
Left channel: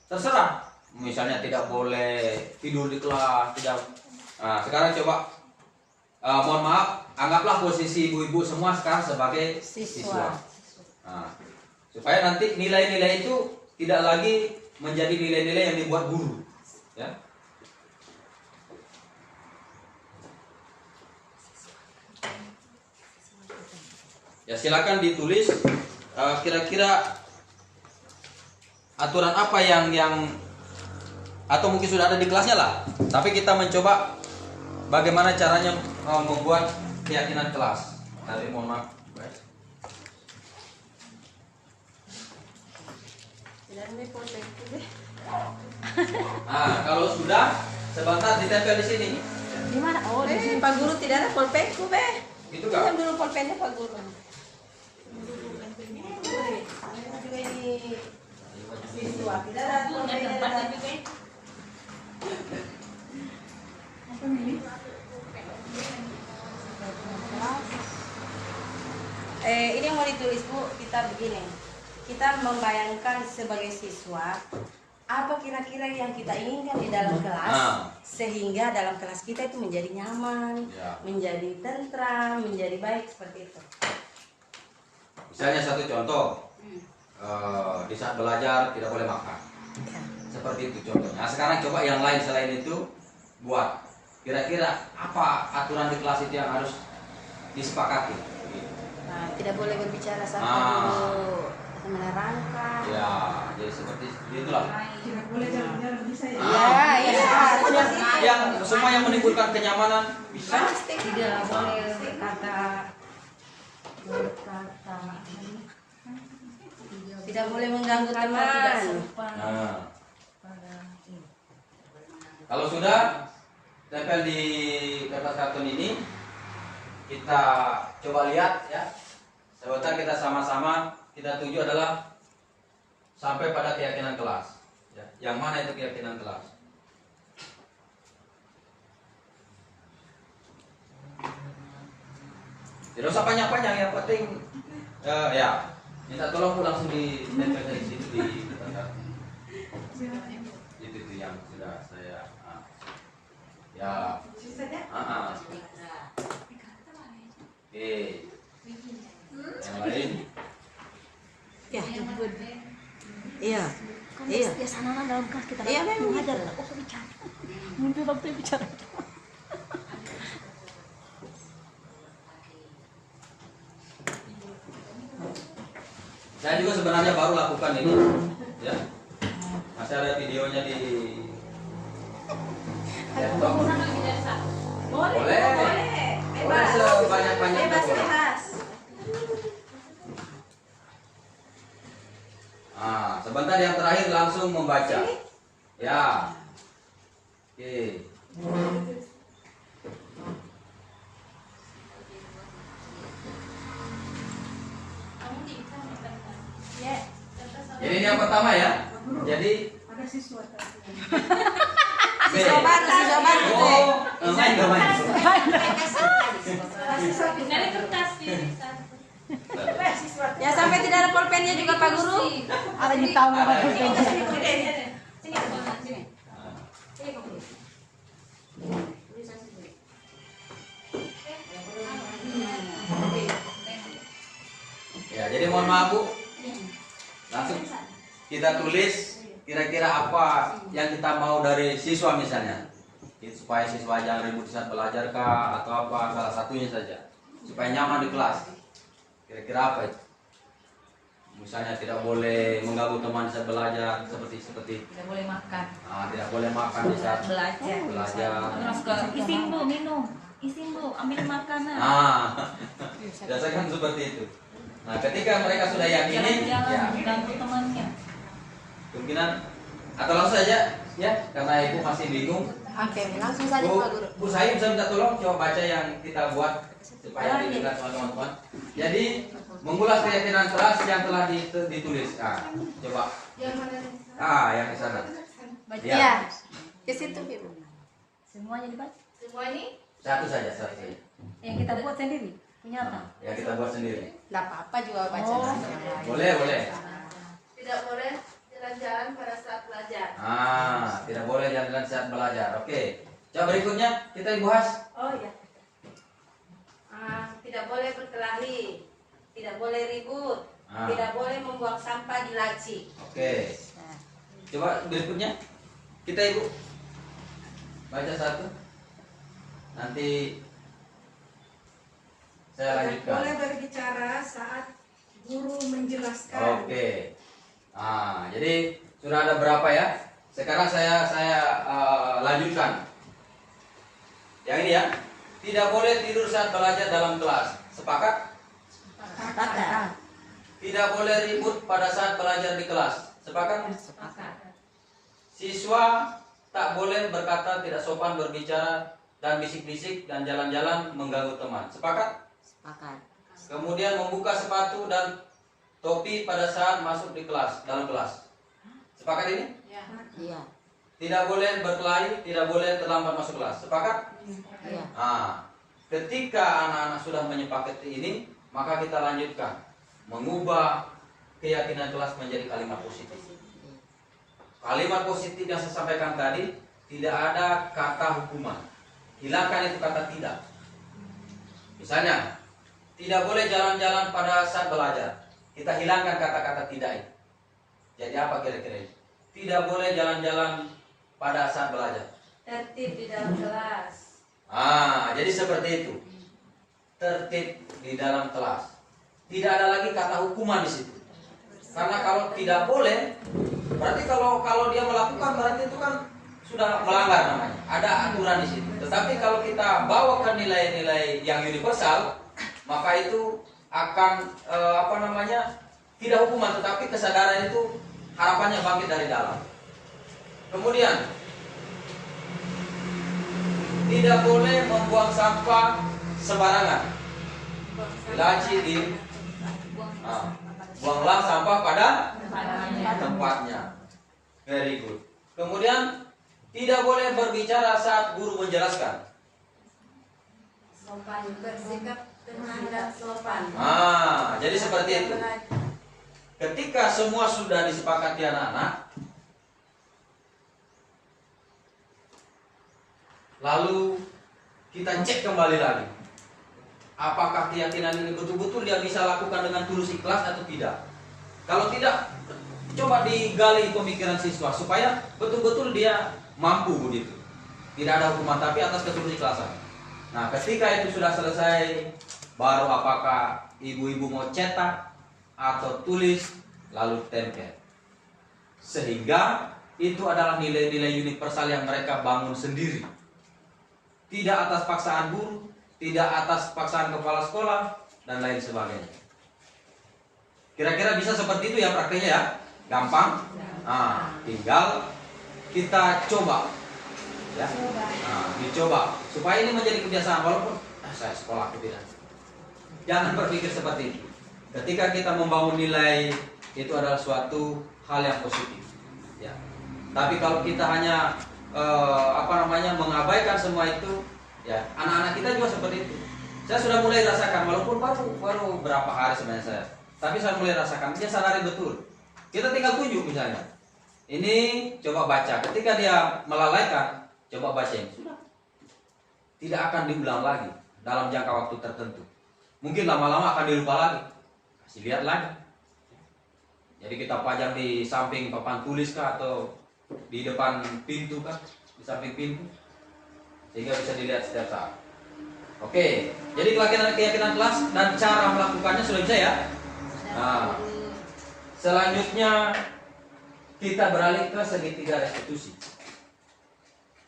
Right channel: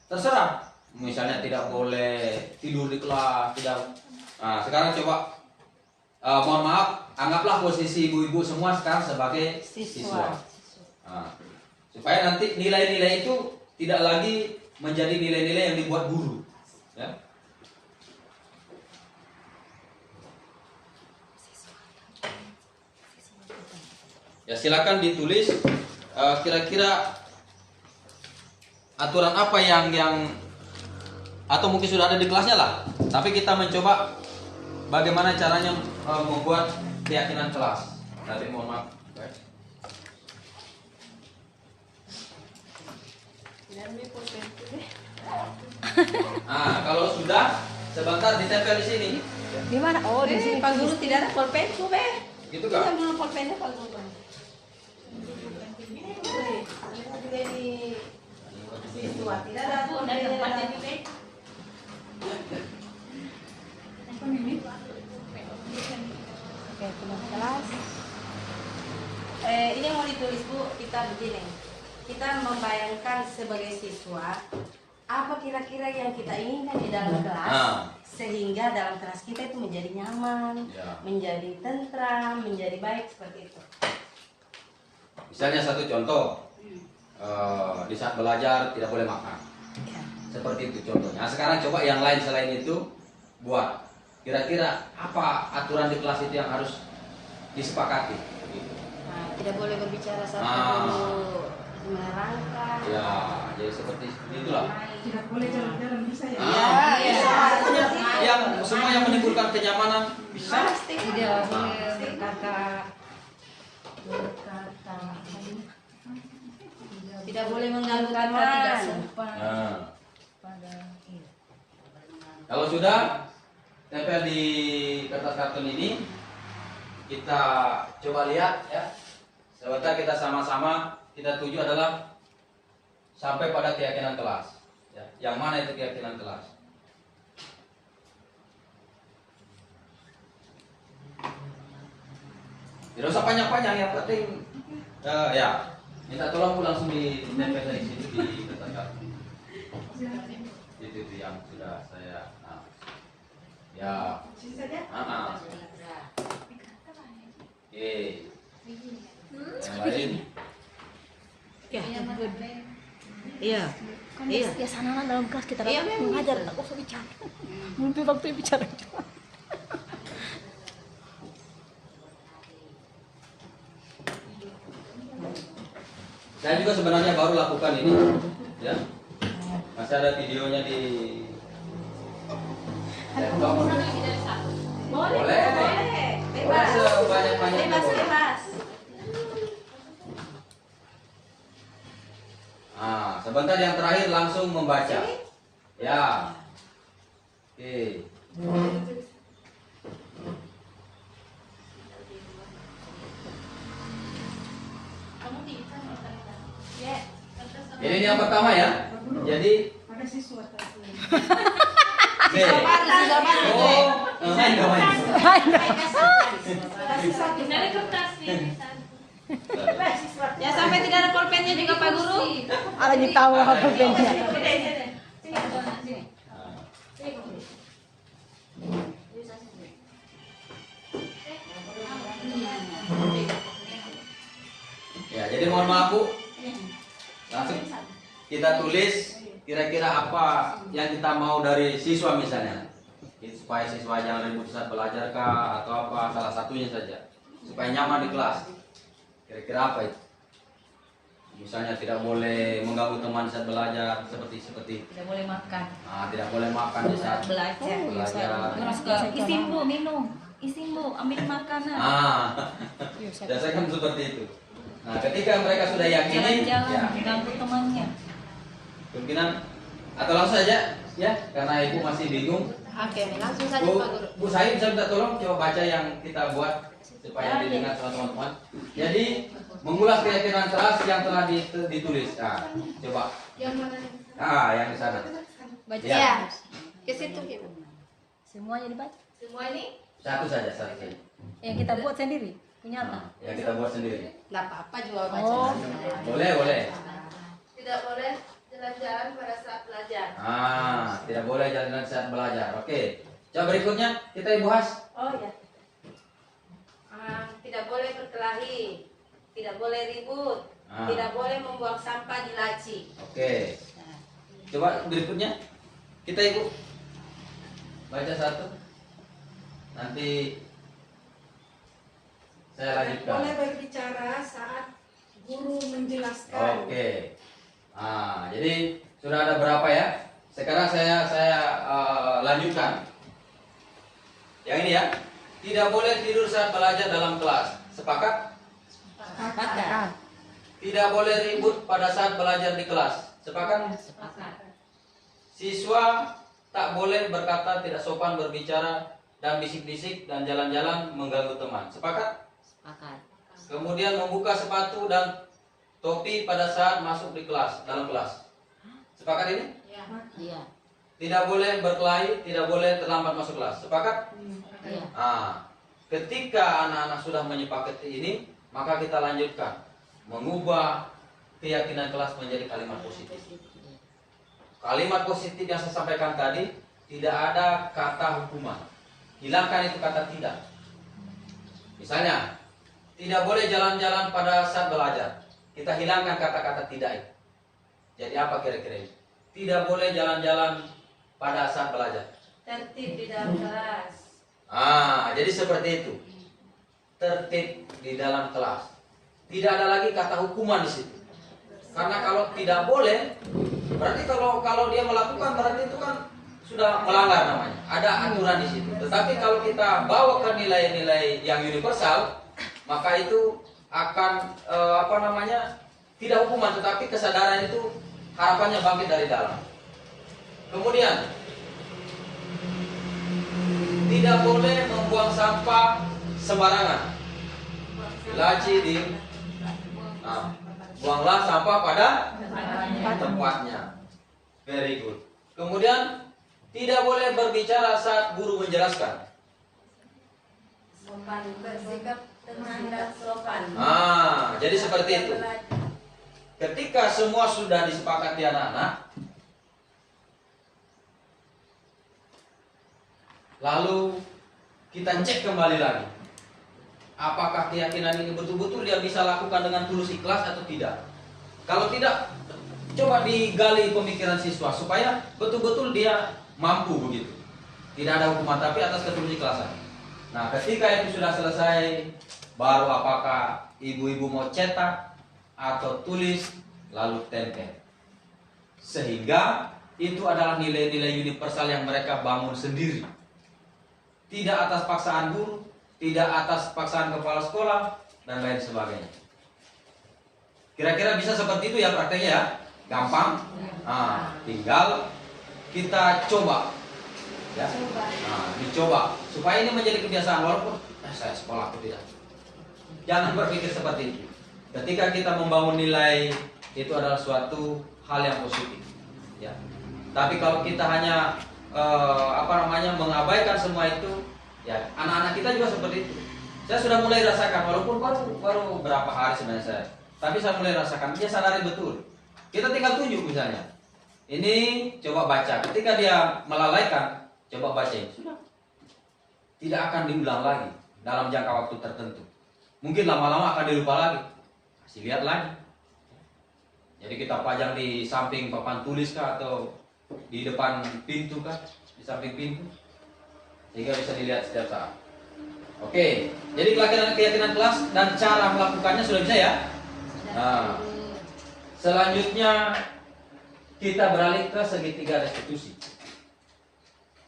Terserah. Misalnya tidak boleh tidur di kelas, tidak. Nah, sekarang coba mohon maaf, anggaplah posisi ibu-ibu semua sekarang sebagai siswa. Nah, supaya nanti nilai-nilai itu tidak lagi menjadi nilai-nilai yang dibuat guru. Ya. Ya, silakan ditulis kira-kira aturan apa yang atau mungkin sudah ada di kelasnya lah. Tapi kita mencoba bagaimana caranya membuat keyakinan kelas. Tadi mohon maaf. Nah, kalau sudah sebentar ditempel di sini. Di mana? Oh, di sini. Pak Guru tidak ada pulpenku, Be. Gitu kan? Kita dulu pulpennya Pak Guru. Juga di siswa tidak ada pulpennya. Ini mau ditulis Bu, kita begini. kita membayangkan sebagai siswa apa kira-kira yang kita inginkan di dalam kelas sehingga dalam kelas kita itu menjadi nyaman, menjadi tentram, menjadi baik seperti itu. Misalnya satu contoh, di saat belajar tidak boleh makan. Seperti itu contohnya. Nah, sekarang coba yang lain selain itu buat. Kira-kira apa aturan di kelas itu yang harus disepakati? Tidak boleh berbicara sampai dulu menerangkan. Ya, jadi seperti itulah. Tidak boleh jalan-jalan bisa ya. Yang semua yang menimbulkan kenyamanan bisa. Tidak boleh berkata Tidak boleh mengganggu teman. Kalau sudah tempel di kertas karton ini, kita coba lihat ya. Sebentar kita sama-sama, kita tuju adalah sampai pada keyakinan kelas. Ya. Yang mana itu keyakinan kelas? Tidak usah panjang-panjang, yang penting ya. Minta tolong langsung di tempel dari sini di kertas karton. Itu yang sudah saya. Ya. Oke. Yang lain? Ya, iya. Iya. biasanya kan dalam kelas kita Iya, memang mengajar gitu. tak usah bicara. Mimpi waktu bicara. Saya juga sebenarnya baru lakukan ini, ya. Masih ada videonya di laptop. Boleh, Boleh. boleh. Boleh sebanyak-banyaknya Bebas, boleh. bebas. Sebentar yang terakhir langsung membaca. Ya. Oke. Jadi ini yang pertama ya. Jadi Ada siswa Siswa baru, siswa baru. main gak main. Ya sampai tidak ada pulpennya juga Pak Guru. ada yang tahu apa pulpennya. Ya, jadi mohon maaf Bu. Langsung kita tulis kira-kira apa yang kita mau dari siswa misalnya. Supaya siswa jangan ribut saat belajar kah atau apa, salah satunya saja. Supaya nyaman di kelas. Kira-kira apa itu? Misalnya tidak boleh mengganggu teman saat belajar, seperti Tidak boleh makan. tidak boleh makan di saat belajar. Isin bu minum. Isin bu ambil makanan. Biasanya kan seperti itu. Nah, ketika mereka sudah yakini, Jalan-jalan ganggu temannya. kemungkinan atau langsung saja ya, karena ibu masih bingung. Oke, langsung saja Pak Guru. Bu Saim, saya minta tolong coba baca yang kita buat supaya didengar sama teman-teman. Jadi mengulas keyakinan keras yang telah ditulis. Coba. Yang mana? Yang di sana. Baca. Ya. Ke situ Ibu. Semuanya dibaca. Semua ini Satu saja. Yang kita buat sendiri. Punya Yang kita buat sendiri. enggak apa-apa juga baca. Oh. Boleh. Tidak boleh jalan-jalan pada saat belajar. Tidak boleh jalan-jalan saat belajar. Oke. Coba berikutnya kita bahas. Oh ya. Tidak boleh berkelahi, tidak boleh ribut, Tidak boleh membuang sampah di laci. Oke. Coba berikutnya kita ibu baca satu. Nanti saya lanjutkan. Boleh berbicara saat guru menjelaskan. Oke. Jadi sudah ada berapa ya? Sekarang saya lanjutkan. Yang ini ya. Tidak boleh tidur saat belajar dalam kelas. Sepakat? Sepakat. Tidak boleh ribut pada saat belajar di kelas. Sepakat? Sepakat. Siswa tak boleh berkata tidak sopan, berbicara dan bisik-bisik dan jalan-jalan mengganggu teman. Sepakat? Sepakat. Kemudian membuka sepatu dan topi pada saat masuk di kelas, dalam kelas. Sepakat ini? Iya. Tidak boleh berkelahi, tidak boleh terlambat masuk kelas. Sepakat? Iya. Ketika anak-anak sudah menyepakati ini, maka kita lanjutkan mengubah keyakinan kelas menjadi kalimat positif. Kalimat positif yang saya sampaikan tadi, tidak ada kata hukuman. Hilangkan itu kata tidak. Misalnya, tidak boleh jalan-jalan pada saat belajar. Kita hilangkan kata-kata tidak itu. Jadi apa kira-kira itu? Tidak boleh jalan-jalan pada saat belajar. Tertib di dalam kelas. Jadi seperti itu. Tertib di dalam kelas. Tidak ada lagi kata hukuman di situ. Karena kalau tidak boleh, berarti kalau dia melakukan berarti itu kan sudah melanggar namanya. Ada aturan di situ. Tetapi kalau kita bawa ke nilai-nilai yang universal, maka itu akan tidak hukuman, tetapi kesadaran itu harapannya bangkit dari dalam. Kemudian tidak boleh membuang sampah sembarangan. Laci buanglah sampah pada tempatnya. Very good. Kemudian tidak boleh berbicara saat guru menjelaskan. Sopan, bersikap tenang dan sopan. Jadi seperti itu. Ketika semua sudah disepakati anak-anak, lalu kita cek kembali lagi. Apakah keyakinan ini betul-betul dia bisa lakukan dengan tulus ikhlas atau tidak? Kalau tidak, coba digali pemikiran siswa supaya betul-betul dia mampu begitu. Tidak ada hukuman tapi atas ketulus ikhlasan. Nah, ketika itu sudah selesai, baru apakah ibu-ibu mau cetak atau tulis lalu tempel. Sehingga itu adalah nilai-nilai universal yang mereka bangun sendiri. Tidak atas paksaan guru, tidak atas paksaan kepala sekolah, dan lain sebagainya. Kira-kira bisa seperti itu ya prakteknya ya? Gampang? Tinggal kita coba. Ya? Dicoba. Supaya ini menjadi kebiasaan, walaupun saya sekolah atau tidak. Jangan berpikir seperti itu. Ketika kita membangun nilai, itu adalah suatu hal yang positif. Ya. Tapi kalau kita hanya mengabaikan semua itu, ya anak-anak kita juga seperti itu. Saya sudah mulai rasakan, walaupun baru berapa hari sebenarnya saya, tapi saya mulai rasakan. Dia sadari betul. Kita tinggal tunjuk misalnya, ini coba baca. Ketika dia melalaikan, coba baca ini. Sudah, tidak akan diulang lagi dalam jangka waktu tertentu. Mungkin lama-lama akan dilupa lagi. Kasih lihat lagi. Jadi kita pajang di samping papan tulis kah, atau di depan pintu kah, di samping pintu, sehingga bisa dilihat setiap saat. Oke, jadi keyakinan kelas dan cara melakukannya sudah bisa ya. Nah, selanjutnya kita beralih ke segitiga restitusi.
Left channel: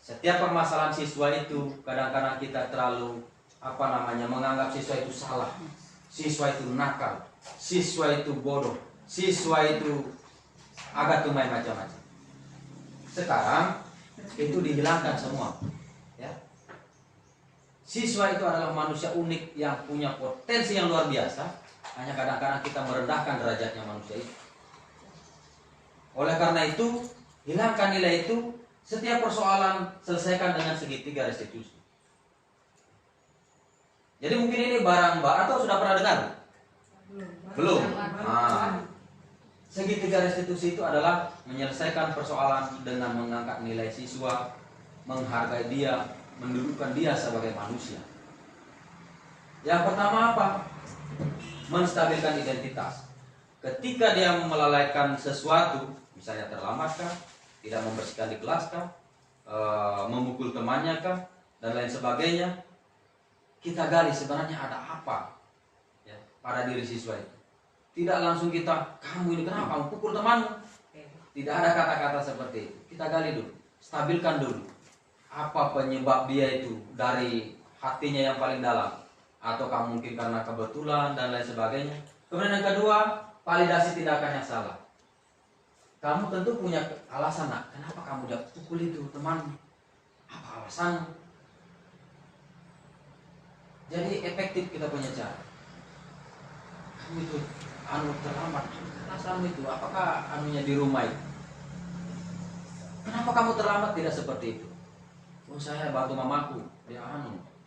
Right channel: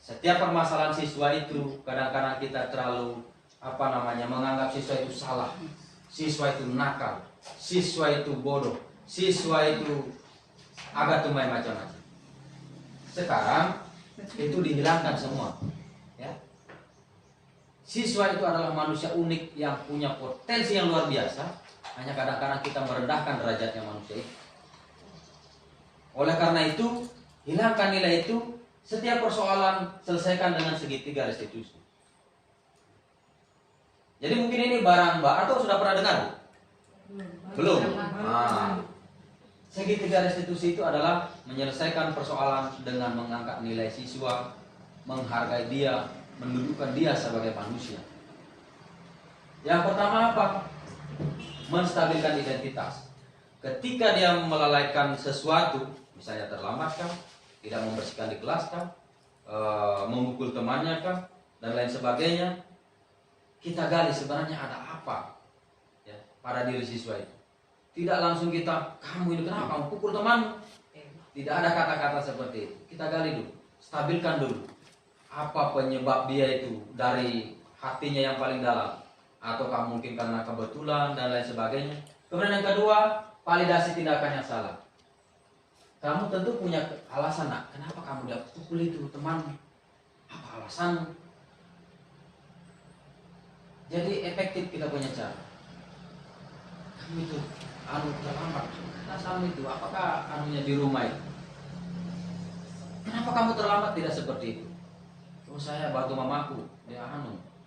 Setiap permasalahan siswa itu kadang-kadang kita terlalu menganggap siswa itu salah, siswa itu nakal, siswa itu bodoh, siswa itu agak tumai macam-macam. Sekarang itu dihilangkan semua. Ya. Siswa itu adalah manusia unik yang punya potensi yang luar biasa. Hanya kadang-kadang kita merendahkan derajatnya manusia itu. Oleh karena itu, hilangkan nilai itu. Setiap persoalan selesaikan dengan segitiga restitusi. Jadi mungkin ini barang atau sudah pernah dengar? Belum. Segitiga restitusi itu adalah menyelesaikan persoalan dengan mengangkat nilai siswa, menghargai dia, mendudukkan dia sebagai manusia. Yang pertama apa? Menstabilkan identitas. Ketika dia melalaikan sesuatu, misalnya terlambatkah, tidak membersihkan di kelas kah, memukul temannya kah, dan lain sebagainya, kita gali sebenarnya ada apa ya pada diri siswa itu. Tidak langsung kita, kamu ini kenapa kamu pukul temanmu. Tidak ada kata-kata seperti itu. Kita gali dulu, stabilkan dulu. Apa penyebab dia itu dari hatinya yang paling dalam, ataukah mungkin karena kebetulan dan lain sebagainya. Kemudian yang kedua, validasi tindakan yang salah. Kamu tentu punya alasan, nak, kenapa kamu udah pukul itu temanmu? Apa alasanmu? Jadi efektif kita punya cara. Kamu itu terlambat. Alasanmu itu, apakah anunya di rumah itu? Kenapa kamu terlambat? Tidak seperti itu. Oh, saya bantu mamaku, dia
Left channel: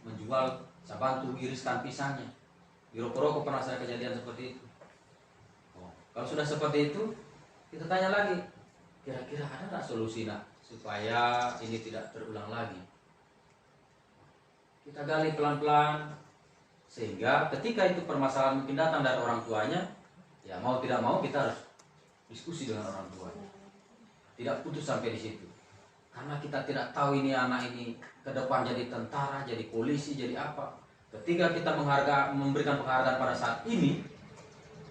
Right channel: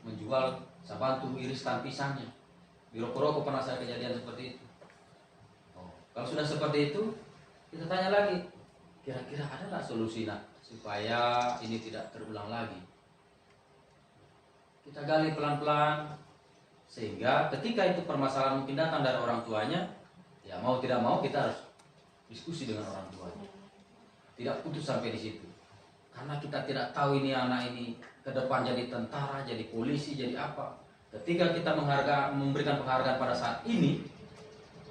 menjual, saya bantu iriskan pisangnya. Di rokok-rokok pernah saya kejadian seperti itu. Kalau sudah seperti itu, kita tanya lagi, kira-kira ada nggak solusi supaya ini tidak terulang lagi? Kita gali pelan-pelan, sehingga ketika itu permasalahan mungkin datang dari orang tuanya, ya mau tidak mau kita harus diskusi dengan orang tuanya. Tidak putus sampai di situ. Karena kita tidak tahu ini anak ini ke depan jadi tentara, jadi polisi, jadi apa. Ketika kita memberikan penghargaan pada saat ini,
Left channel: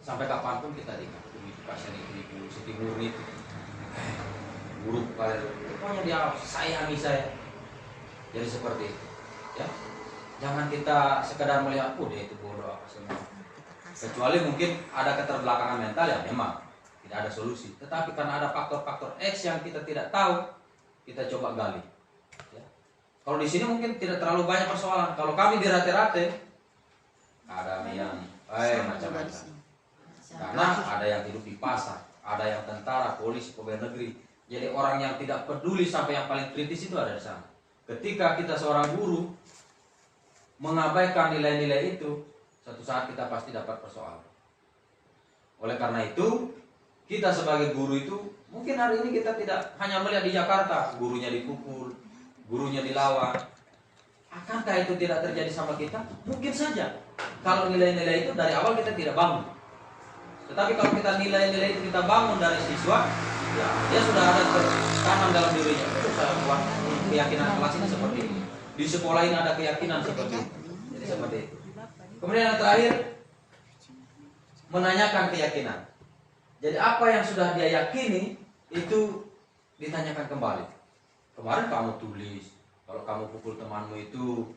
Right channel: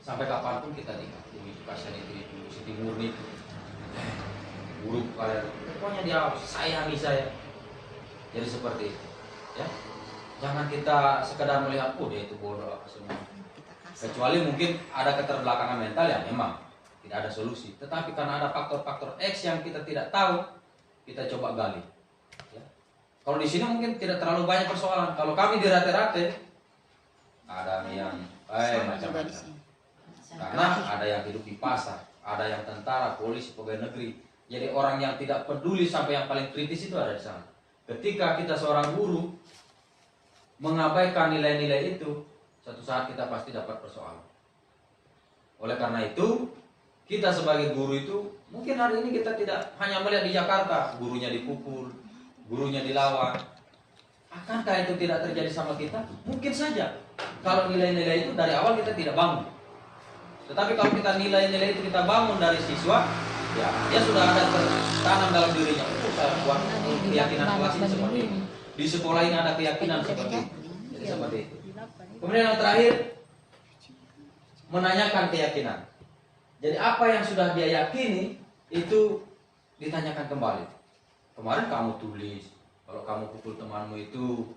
sampai kapanpun kita dikasih itu kasihan itu Siti Murni, buruk kalian, pokoknya dia sayangi saya. Jadi seperti itu, ya. Jangan kita sekedar melihat, oh dia itu bodoh apa semua. Kecuali mungkin ada keterbelakangan mental ya memang tidak ada solusi. Tetapi karena ada faktor-faktor X yang kita tidak tahu, kita coba gali. Ya. Kalau di sini mungkin tidak terlalu banyak persoalan. Kalau kami di rate-rate, ada yang macam-macam. Karena ada yang hidup di pasar, ada yang tentara, polisi, pegawai negeri. Jadi orang yang tidak peduli sampai yang paling kritis itu ada di sana. Ketika kita seorang guru mengabaikan nilai-nilai itu, suatu saat kita pasti dapat persoalan. Oleh karena itu, kita sebagai guru itu, mungkin hari ini kita tidak hanya melihat di Jakarta, gurunya dipukul, gurunya dilawan. Akankah itu tidak terjadi sama kita? Mungkin saja. Kalau nilai-nilai itu dari awal kita tidak bangun. Tetapi kalau kita nilai-nilai itu kita bangun dari siswa, ya dia sudah ada tertanam dalam dirinya. Saya buat keyakinan kelas ini seperti ini. Di sekolah ini ada keyakinan seperti itu. Jadi seperti itu. Kemudian yang terakhir, menanyakan keyakinan. Jadi apa yang sudah dia yakini itu ditanyakan kembali. Kemarin kamu tulis kalau kamu pukul temanmu itu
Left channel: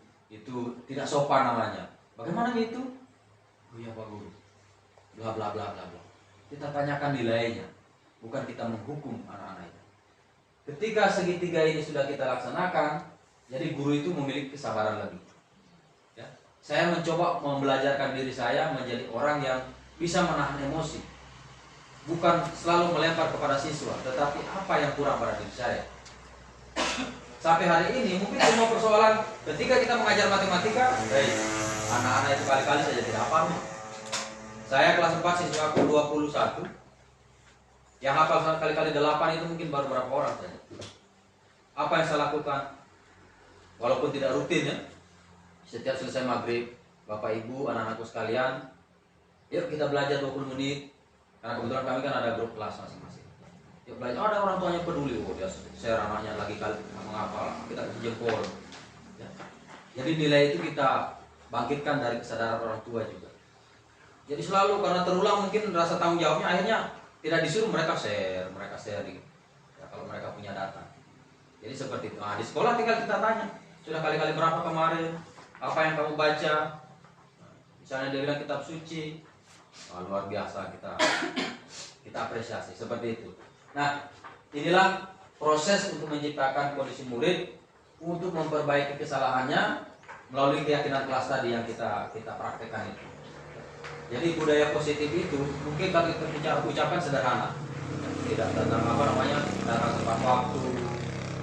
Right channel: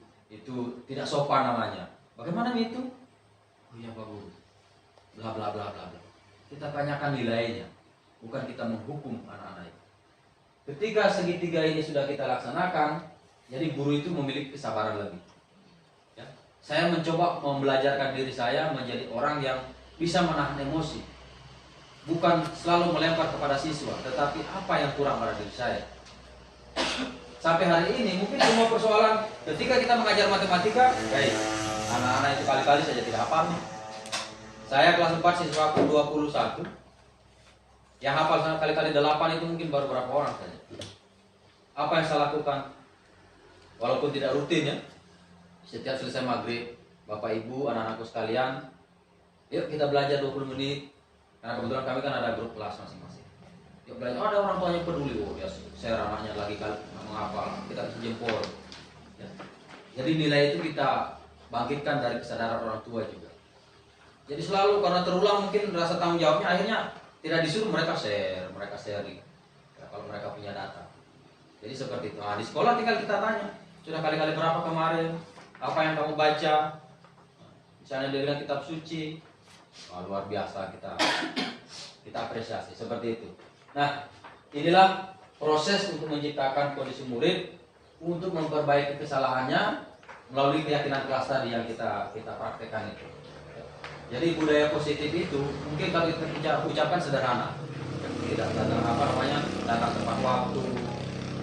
tidak sopan namanya. Bagaimana itu? Oh iya Pak Guru. Bla bla bla bla bla. Kita tanyakan nilainya, bukan kita menghukum anak-anak itu. Ketika segitiga ini sudah kita laksanakan, jadi guru itu memiliki kesabaran lagi. Ya. Saya mencoba membelajarkan diri saya menjadi orang yang bisa menahan emosi. Bukan selalu melempar kepada siswa, tetapi apa yang kurang pada diri saya. Sampai hari ini mungkin semua persoalan ketika kita mengajar matematika, anak-anak itu kali-kali saja tidak hafal. Saya kelas 4 siswa aku 21. Yang hafal kali-kali 8 itu mungkin baru berapa orang saja. Apa yang saya lakukan? Walaupun tidak rutin ya, setiap selesai maghrib, Bapak Ibu, anak-anakku sekalian, yuk kita belajar 20 menit. Karena kebetulan kami kan ada grup kelas masing-masing. Yuk belajar, ada orang tuanya peduli, oh dia share anaknya lagi kali menghafal, kita kasih jempol. Ya. Jadi nilai itu kita bangkitkan dari kesadaran orang tua juga. Jadi selalu karena terulang mungkin rasa tanggung jawabnya akhirnya tidak disuruh mereka sharing. Ya, kalau mereka punya data. Jadi seperti itu. Nah, di sekolah tinggal kita tanya, sudah kali-kali berapa kemarin? Apa yang kamu baca? Nah, misalnya dia bilang kitab suci, wah, luar biasa kita apresiasi seperti itu. Nah, inilah proses untuk menciptakan kondisi murid untuk memperbaiki kesalahannya melalui keyakinan kelas tadi yang kita praktekkan itu. Jadi budaya positif itu mungkin kalau kita ucapkan sederhana, tidak datang datang tepat waktu,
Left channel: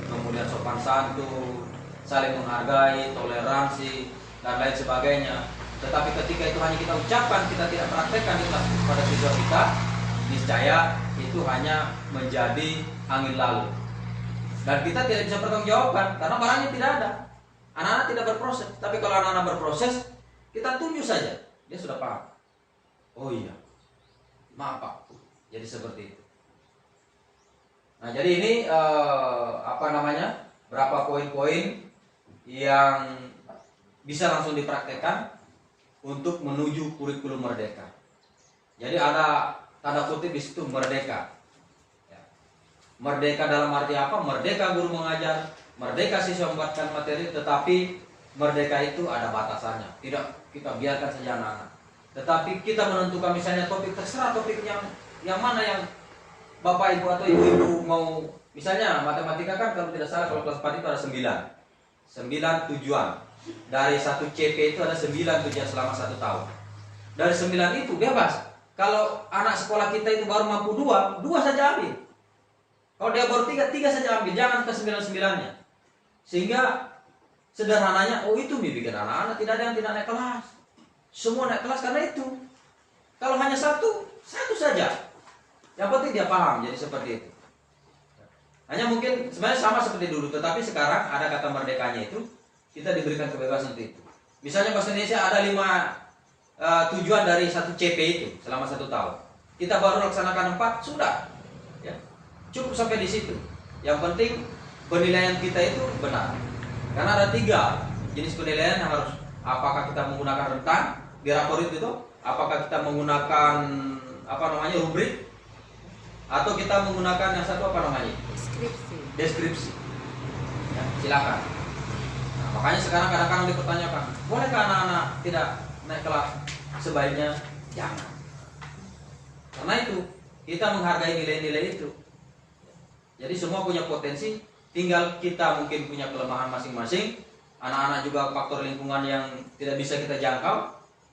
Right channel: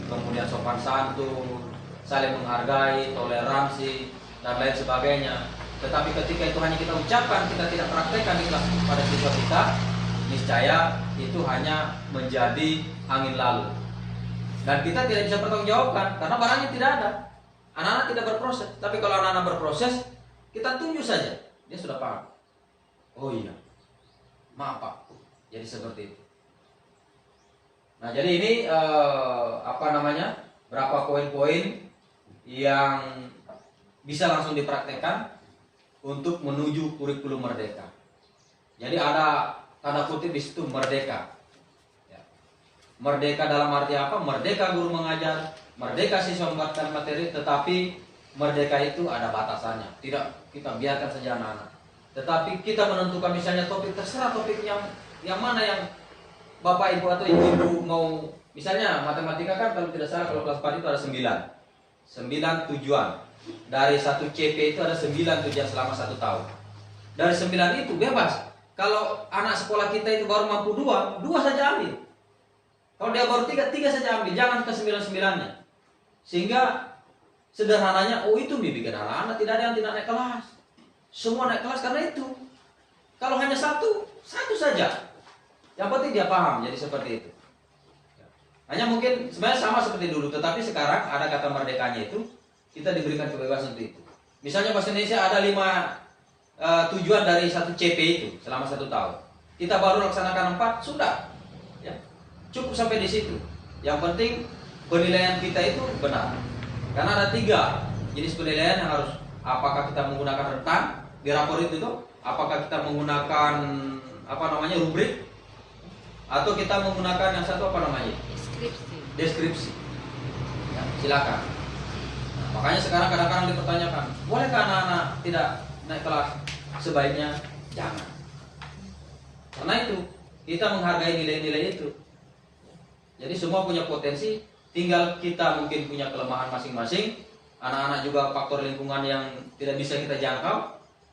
kemudian sopan santun, saling menghargai, toleransi dan lain sebagainya. Tetapi ketika itu hanya kita ucapkan, kita tidak praktekkan pada siswa kita, niscaya itu hanya menjadi angin lalu. Dan kita tidak bisa bertanggungjawabkan karena barangnya tidak ada. Anak-anak tidak berproses. Tapi kalau anak-anak berproses, kita tunjuk saja, dia sudah paham. Oh iya, maaf Pak. Jadi seperti itu. Nah jadi ini berapa poin-poin yang bisa langsung dipraktekkan untuk menuju kurikulum merdeka. Jadi ada tanda kutip di situ merdeka. Ya. Merdeka dalam arti apa? Merdeka guru mengajar, merdeka siswa membuatkan materi, tetapi merdeka itu ada batasannya. Tidak kita biarkan saja anak-anak. Tetapi kita menentukan misalnya topik, terserah topik yang mana yang Bapak Ibu atau Ibu mau. Misalnya matematika kan kalau tidak salah kalau kelas 4 itu ada 9 tujuan. Dari 1 CP itu ada 9 tujuan selama 1 tahun. Dari 9 itu bebas. Kalau anak sekolah kita itu baru mampu 2 saja ambil. Kalau dia baru 3 saja ambil. Jangan ke 9-9-nya. Sehingga sederhananya, oh itu bikin anak-anak tidak ada yang tidak naik kelas. Semua naik kelas karena itu. Kalau hanya satu saja. Yang penting dia paham, jadi seperti itu. Hanya mungkin sebenarnya sama seperti dulu, tetapi sekarang ada kata merdekanya itu, kita diberikan kebebasan untuk itu. Misalnya bahasa Indonesia ada 5 tujuan dari satu CP itu selama 1 tahun. Kita baru laksanakan 4, sudah. Ya. Cukup sampai di situ. Yang penting penilaian kita itu benar. Karena ada 3 jenis penilaian yang harus, apakah kita menggunakan rentang di rapor itu tuh, apakah kita menggunakan rubrik, atau kita menggunakan yang satu deskripsi. Ya, silakan. Nah, makanya sekarang kadang-kadang dipertanyakan, bolehkah anak-anak tidak naik kelas? Sebaiknya jangan. Karena itu kita menghargai nilai-nilai itu. Jadi semua punya potensi, tinggal kita mungkin punya kelemahan masing-masing. Anak-anak juga faktor lingkungan yang tidak bisa kita jangkau,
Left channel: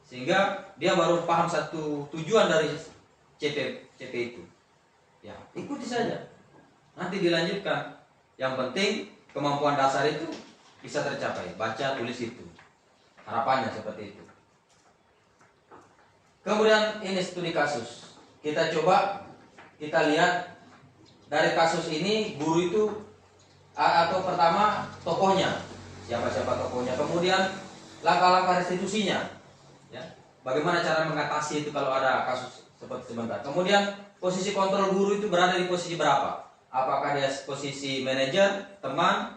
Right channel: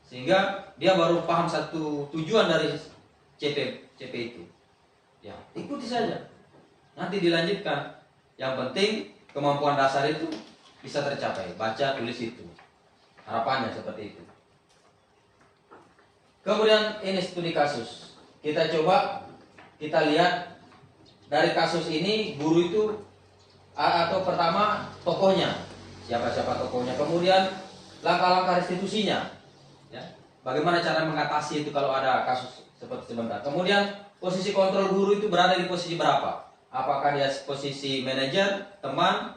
sehingga dia baru paham satu tujuan dari CP itu. Ya, ikuti saja. Nanti dilanjutkan. Yang penting kemampuan dasar itu bisa tercapai. Baca, tulis itu. Harapannya seperti itu. Kemudian ini studi kasus. Kita lihat dari kasus ini guru itu atau pertama tokohnya, siapa-siapa tokohnya. Kemudian langkah-langkah restitusinya. Ya. Bagaimana cara mengatasi itu kalau ada kasus seperti sebentar. Kemudian posisi kontrol guru itu berada di posisi berapa? Apakah dia posisi manajer, teman,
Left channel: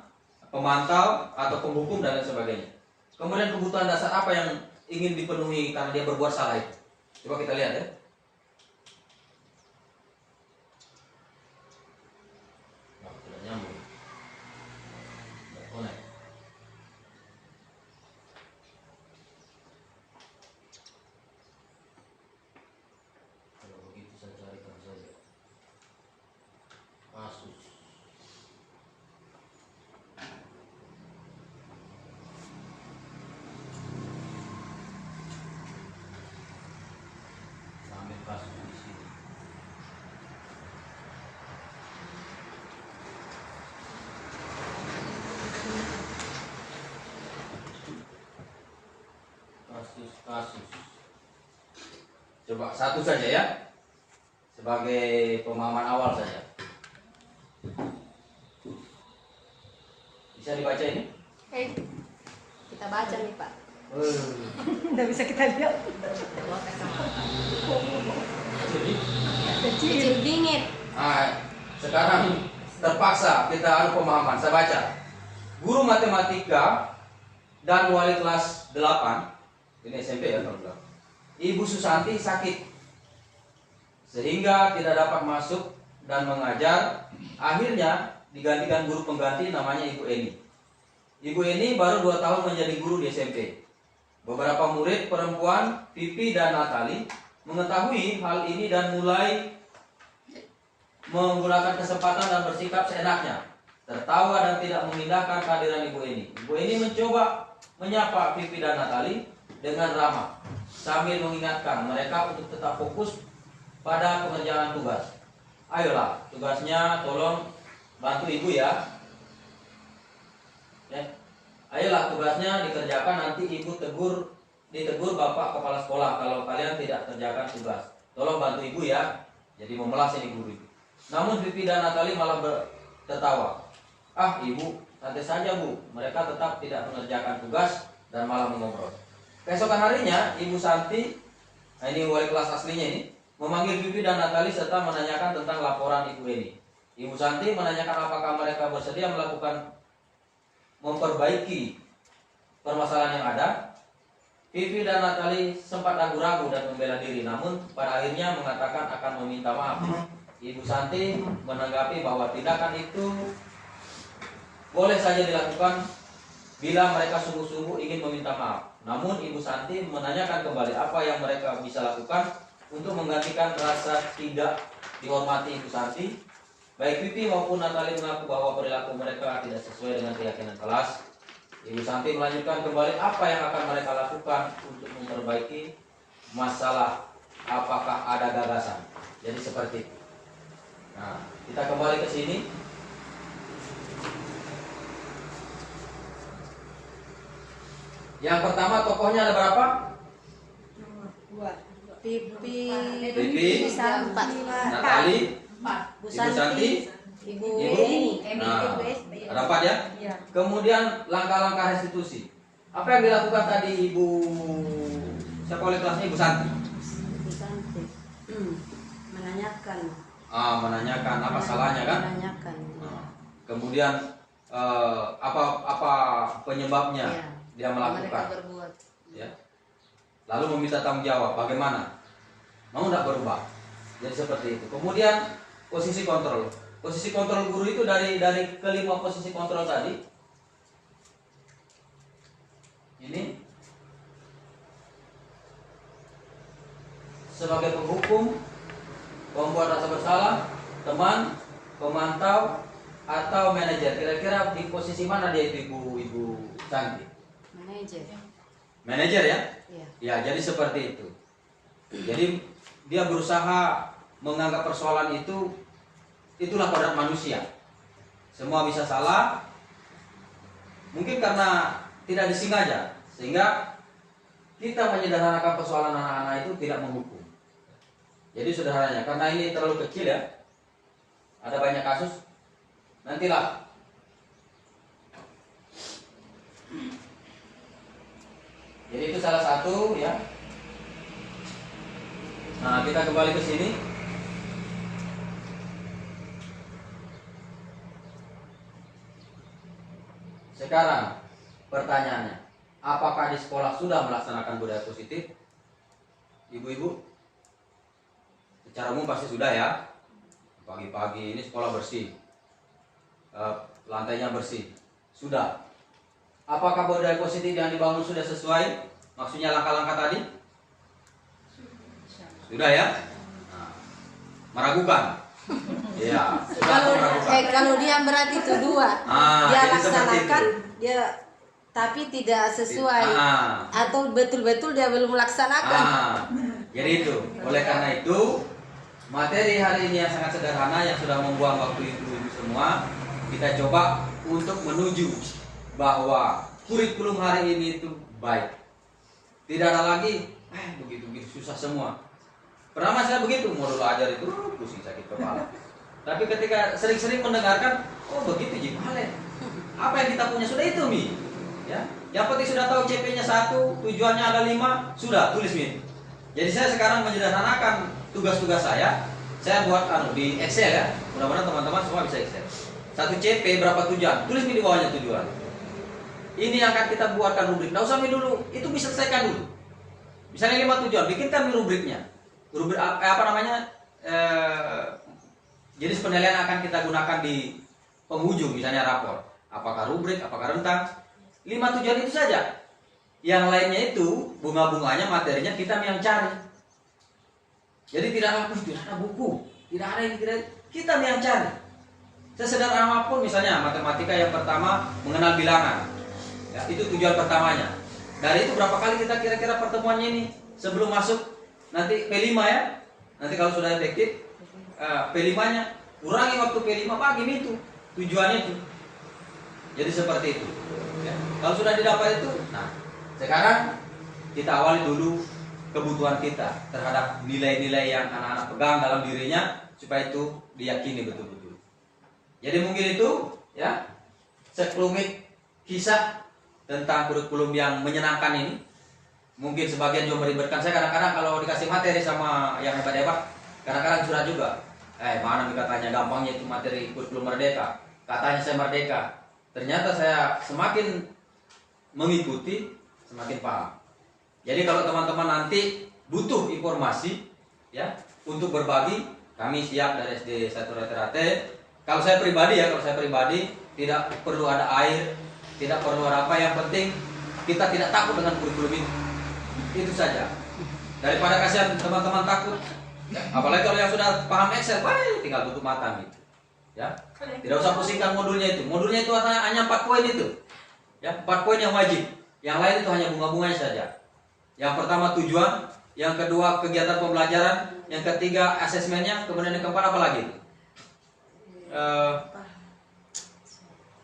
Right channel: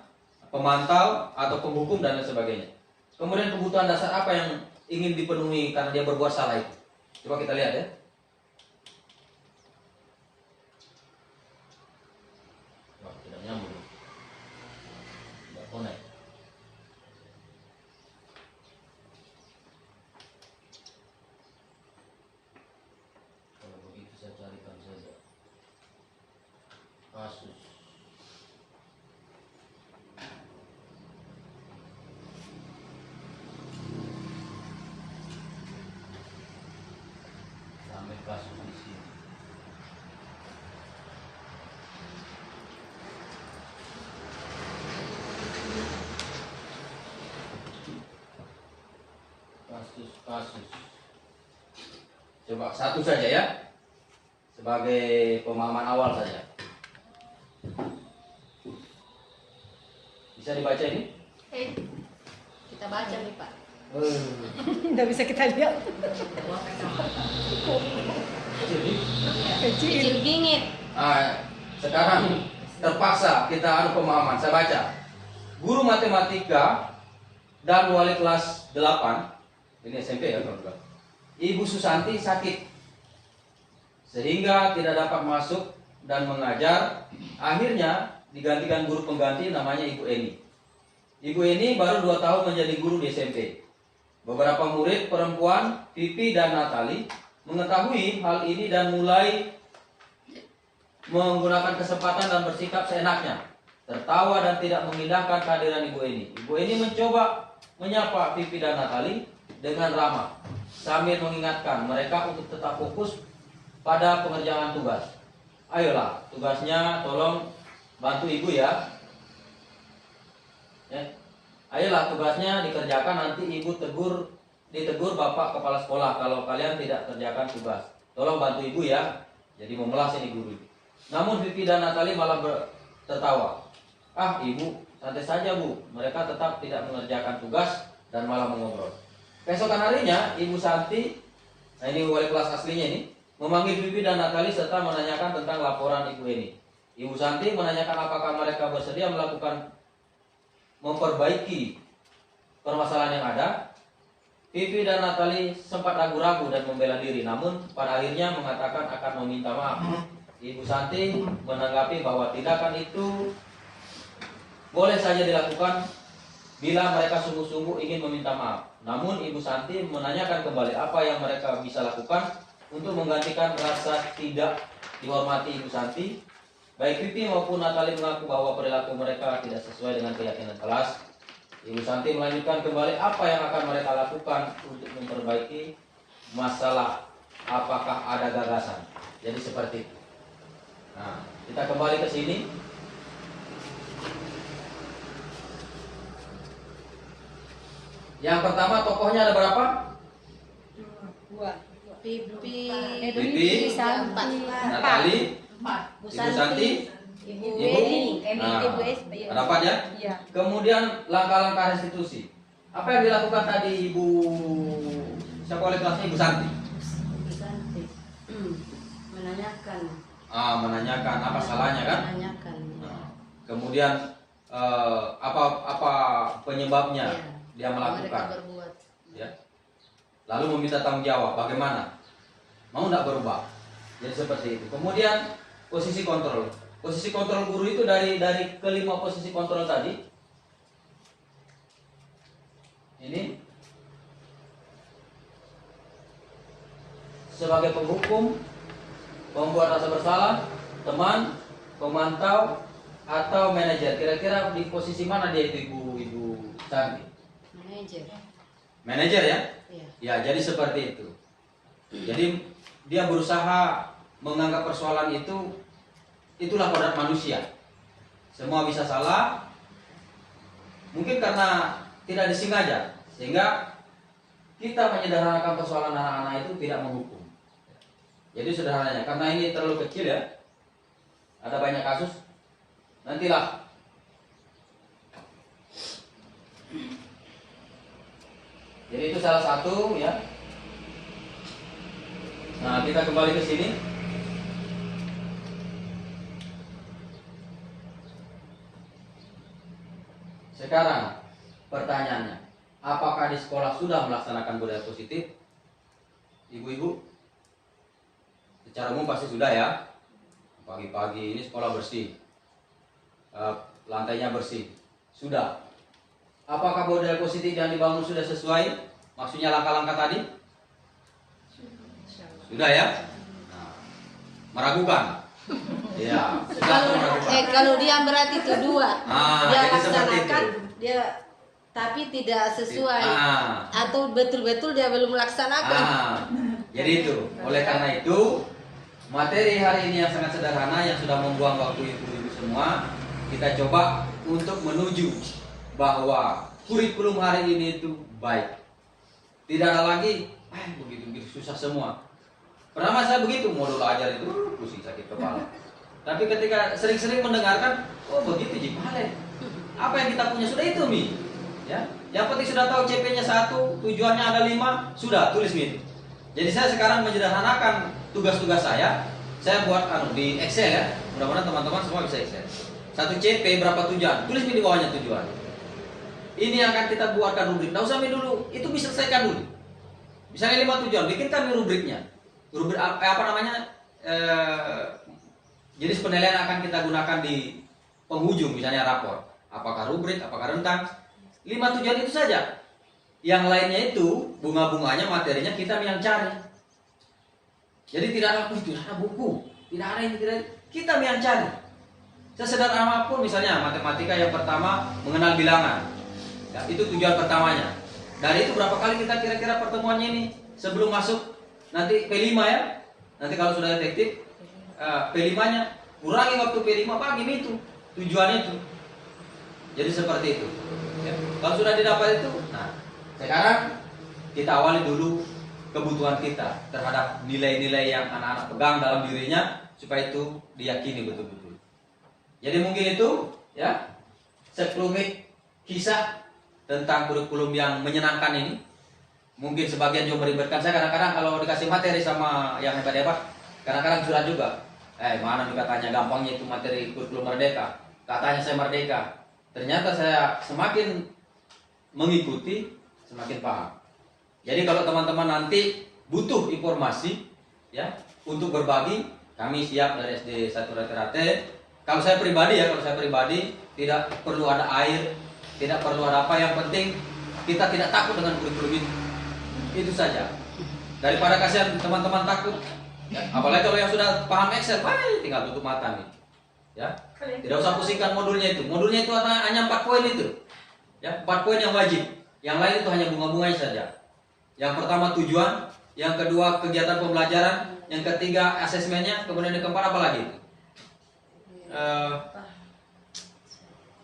pemantau, atau penghukum dan lain sebagainya. Kemudian kebutuhan dasar apa yang ingin dipenuhi karena dia berbuat salah itu. Coba kita lihat ya. Wah, tidak nyambung. Tidak connect. Kalau begitu saya carikan saja kasus. Ambil kasus di sini. Kasus. Coba satu saja ya, sebagai pemahaman awal saja. Bisa dibaca ini? Kita baca nih Pak. Tidak bisa kita lihat. Kecil bingit. Sekarang terpaksa kita adu pemahaman. Saya baca. Guru matematika dan wali kelas 8, ini SMP ya kalau bilang, Ibu Susanti sakit sehingga tidak dapat masuk dan mengajar. Akhirnya digantikan guru pengganti namanya Ibu Eni. Ibu Eni baru 2 tahun menjadi guru di SMP. Beberapa murid perempuan, Pipi dan Natali, mengetahui hal ini dan mulai menggunakan kesempatan dan bersikap seenaknya, tertawa dan tidak mengindahkan kehadiran Ibu Eni. Ibu Eni mencoba menyapa Pipi dan Natali dengan ramah, sambil mengingatkan mereka untuk tetap fokus pada pengerjaan tugas. Ayolah, tugasnya tolong bantu ibu ya. Ayolah, tugasnya dikerjakan, nanti ibu ditegur bapak kepala sekolah kalau kalian tidak kerjakan tugas. Tolong bantu ibu ya. Jadi memelas ini guru itu. Namun Pipi dan Natali malah tertawa. Ah ibu, santai saja bu. Mereka tetap tidak mengerjakan tugas dan malah mengobrol. Keesokan harinya, Ibu Santi, ini wali kelas aslinya ini, memanggil Pipi dan Natali serta menanyakan tentang laporan Ibu Eni. Ibu Santi menanyakan apakah mereka bersedia memperbaiki permasalahan yang ada. Pipi dan Natali sempat ragu-ragu dan membela diri, namun pada akhirnya mengatakan akan meminta maaf. Ibu Santi menanggapi bahwa tindakan itu boleh saja dilakukan bila mereka sungguh-sungguh ingin meminta maaf. Namun Ibu Santi menanyakan kembali apa yang mereka bisa lakukan untuk menggantikan rasa tidak dihormati Ibu Santi. Baik Pipi maupun Natali mengaku bahwa perilaku mereka tidak sesuai dengan keyakinan kelas. Ibu Santi melanjutkan kembali apa yang akan mereka lakukan untuk memperbaiki masalah, apakah ada gagasan. Jadi seperti itu. Nah, kita kembali ke sini. Yang pertama tokohnya ada berapa? 2. Pipi, Santi, Natali, Bu Ibu Santi, Ibu Nah, Eni. ada 4 ya. Iya. Kemudian langkah-langkah restitusi. Apa yang dilakukan tadi Ibu siapa oleh kelasnya Ibu Santi? Bu Santi. Menanyakan. Menanyakan apa salahnya kan? Menanyakan. Nah, kemudian apa penyebabnya Iya. dia melakukan, Mereka berbuat. ya. Lalu meminta tanggung jawab bagaimana, mau nggak berubah. Jadi seperti itu. Kemudian posisi kontrol. Posisi kontrol guru itu dari kelima posisi kontrol tadi. Ini sebagai penghukum, pembuat rasa bersalah, teman, pemantau, atau manajer. Kira-kira di posisi mana dia itu Ibu Santi? Manajer. Manajer ya? Iya. Ya, jadi seperti itu. Jadi dia berusaha menganggap persoalan itulah kodrat manusia. Semua bisa salah. Mungkin karena tidak disengaja, sehingga kita menyederhanakan persoalan anak-anak itu tidak menghukum. Jadi sederhananya, karena ini terlalu kecil ya, ada banyak kasus, nantilah jadi itu salah satu ya. Nah, kita kembali ke sini. Sekarang pertanyaannya, apakah di sekolah sudah melaksanakan budaya positif? Ibu-ibu, secara umum pasti sudah ya. Pagi-pagi ini sekolah bersih, lantainya bersih, sudah. Apakah budaya positif yang dibangun sudah sesuai? Maksudnya langkah-langkah tadi? Sudah ya? Nah, meragukan. Ya, sudah meragukan. Kalau dia berarti itu 2. Dia jadi seperti laksanakan, itu. dia tapi tidak sesuai atau betul-betul dia belum melaksanakan. Jadi itu. Oleh karena itu, materi hari ini yang sangat sederhana yang sudah membuang waktu ibu-ibu semua, kita coba untuk menuju bahwa kurikulum hari ini itu baik. Tidak ada lagi begitu susah semua. Pertama saya begitu, mau dulu ajar itu pusing sakit kepala. Tapi ketika sering-sering mendengarkan, oh begitu Ji, boleh. Apa yang kita punya sudah itu Mi. Ya, yang penting sudah tahu CP-nya 1, tujuannya ada 5, sudah tulis Mi. Jadi saya sekarang menyederhanakan tugas-tugas saya buat di Excel ya. Mudah-mudahan teman-teman semua bisa Excel. 1 CP berapa tujuan? Tulis Mi di bawahnya tujuan. Ini yang akan kita buatkan rubrik. Nggak usah Mi dulu, itu bisa selesaikan dulu. Misalnya 5 tujuan, bikinkan Mi rubriknya. Rubrik apa namanya? Jenis penilaian akan kita gunakan di penghujung, misalnya rapor. Apakah rubrik, apakah rentang? 5 tujuan itu saja. Yang lainnya itu bunga-bunganya, materinya kita yang cari. Jadi tidak ada buku, tidak ada yang kita yang cari. Sesederhana apapun, misalnya matematika yang pertama mengenal bilangan. Ya, itu tujuan pertamanya. Dari itu berapa kali kita kira-kira pertemuannya ini sebelum masuk nanti P5 ya. Nanti kalau sudah efektif P5-nya kurangi waktu P5 pagi itu tujuannya itu. Jadi seperti itu. Ya. Kalau sudah didapat itu, nah sekarang kita awali dulu kebutuhan kita terhadap nilai-nilai yang anak-anak pegang dalam dirinya supaya itu diyakini betul-betul. Jadi mungkin itu ya sekelumit kisah tentang kurikulum yang menyenangkan ini. Mungkin sebagian juga meribetkan saya. Kadang-kadang kalau dikasih materi sama yang hebat-hebat, kadang-kadang curhat juga. Mana nih katanya gampangnya itu materi kurikulum merdeka. Katanya saya merdeka. Ternyata saya semakin mengikuti, semakin paham. Jadi kalau teman-teman nanti butuh informasi ya untuk berbagi, kami siap dari SD 1 Rate-Rate. Kalau saya pribadi tidak perlu ada air, tidak perlu ada apa, yang penting kita tidak takut dengan kurikulum itu. Itu saja. Daripada kasihan teman-teman takut. Ya, apalagi kalau yang sudah paham Excel, tinggal tutup mata nih. Ya. Tidak usah pusingkan modulnya itu. Modulnya itu hanya 4 poin itu. Ya, 4 poin yang wajib. Yang lain itu hanya bunga-bunganya saja. Yang pertama tujuan, yang kedua kegiatan pembelajaran, yang ketiga asesmennya, kemudian yang keempat apa lagi?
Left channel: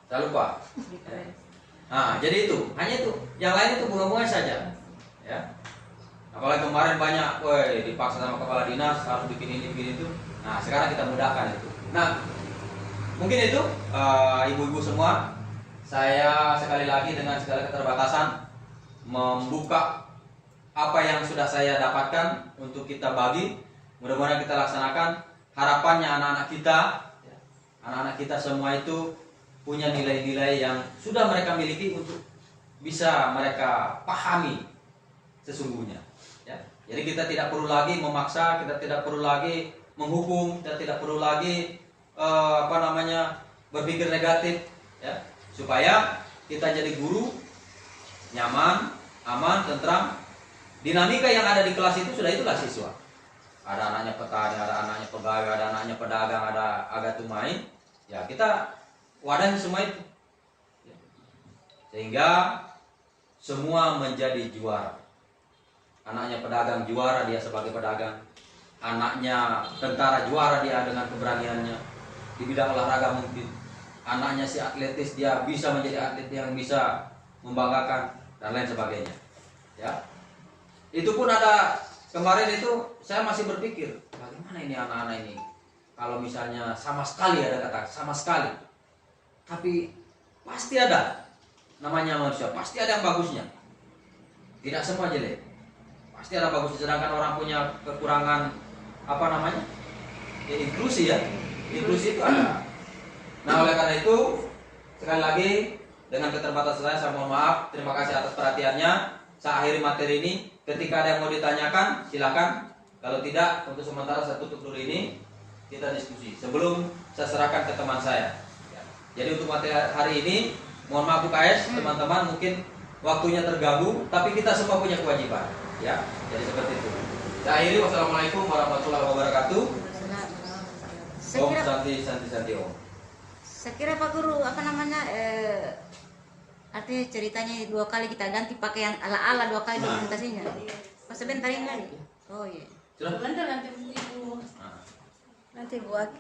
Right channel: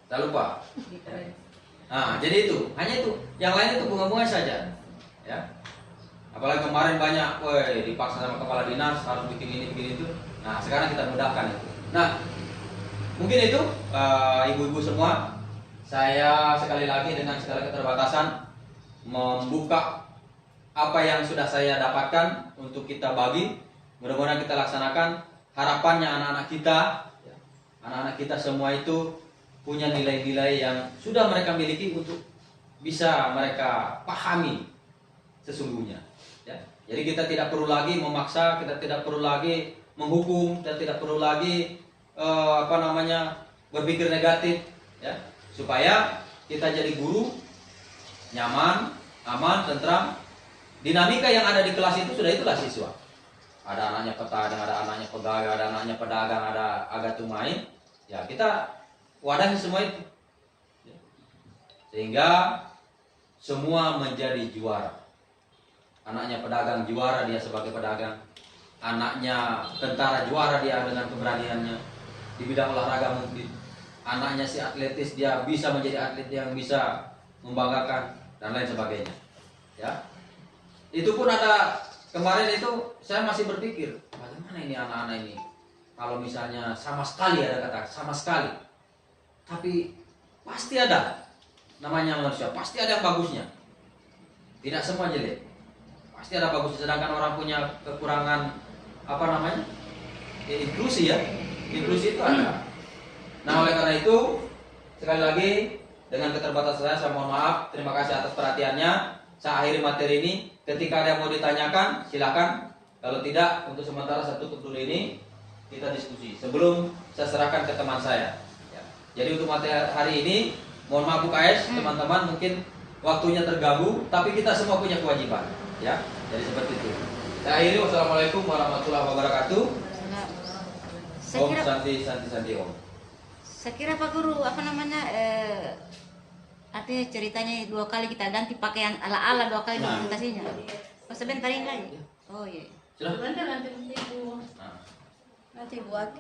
Saya lupa. Nah, jadi itu, hanya itu. Yang lain itu bunga-bunga saja. Ya. Apalagi kemarin banyak, woi dipaksa sama kepala dinas harus bikin ini bikin itu. Nah sekarang kita mudahkan itu. Nah mungkin itu ibu-ibu semua, saya sekali lagi dengan segala keterbatasan membuka apa yang sudah saya dapatkan untuk kita bagi. Mudah-mudahan kita laksanakan. Harapannya anak-anak kita semua itu punya nilai-nilai yang sudah mereka miliki untuk bisa mereka pahami sesungguhnya. Ya. Jadi kita tidak perlu lagi memaksa, kita tidak perlu lagi menghukum, kita tidak perlu lagi berpikir negatif, ya. Supaya kita jadi guru nyaman, aman, tentram. Dinamika yang ada di kelas itu itulah siswa. Ada anaknya petani, ada anaknya pegawai, ada anaknya pedagang, ada agak tumai. Ya kita wadahi semua itu, sehingga semua menjadi juara. Anaknya pedagang juara dia sebagai pedagang, anaknya tentara juara dia dengan keberaniannya di bidang olahraga mungkin, anaknya si atletis dia bisa menjadi atlet yang bisa membanggakan dan lain sebagainya. Ya, itu pun ada kemarin itu saya masih berpikir bagaimana ini anak-anak ini kalau misalnya sama sekali, ada kata sama sekali, tapi pasti ada namanya manusia, pasti ada yang bagusnya, tidak semua jelek, pasti ada bagusnya. Sedangkan orang punya kekurangan inklusi, ya, inklusi itu ada. Nah oleh karena itu sekali lagi dengan keterbatasan saya mohon maaf, terima kasih atas perhatiannya. Saya akhiri materi ini. Ketika ada yang mau ditanyakan silakan, kalau tidak untuk sementara saya tutup dulu ini, kita diskusi sebelum saya serahkan ke teman saya, ya. Jadi untuk materi hari ini mohon maaf UKS teman-teman, mungkin waktunya terganggu, tapi kita semua punya kewajiban, ya. Jadi seperti itu. Saya akhiri, wassalamualaikum warahmatullahi wabarakatuh. Om Santi Om. Saya kira Pak Guru artinya ceritanya 2 kali kita ganti pakaian ala-ala 2 kali dokumentasinya. Pas sebentar ini lagi. Oh iya. Sudah. Nanti buat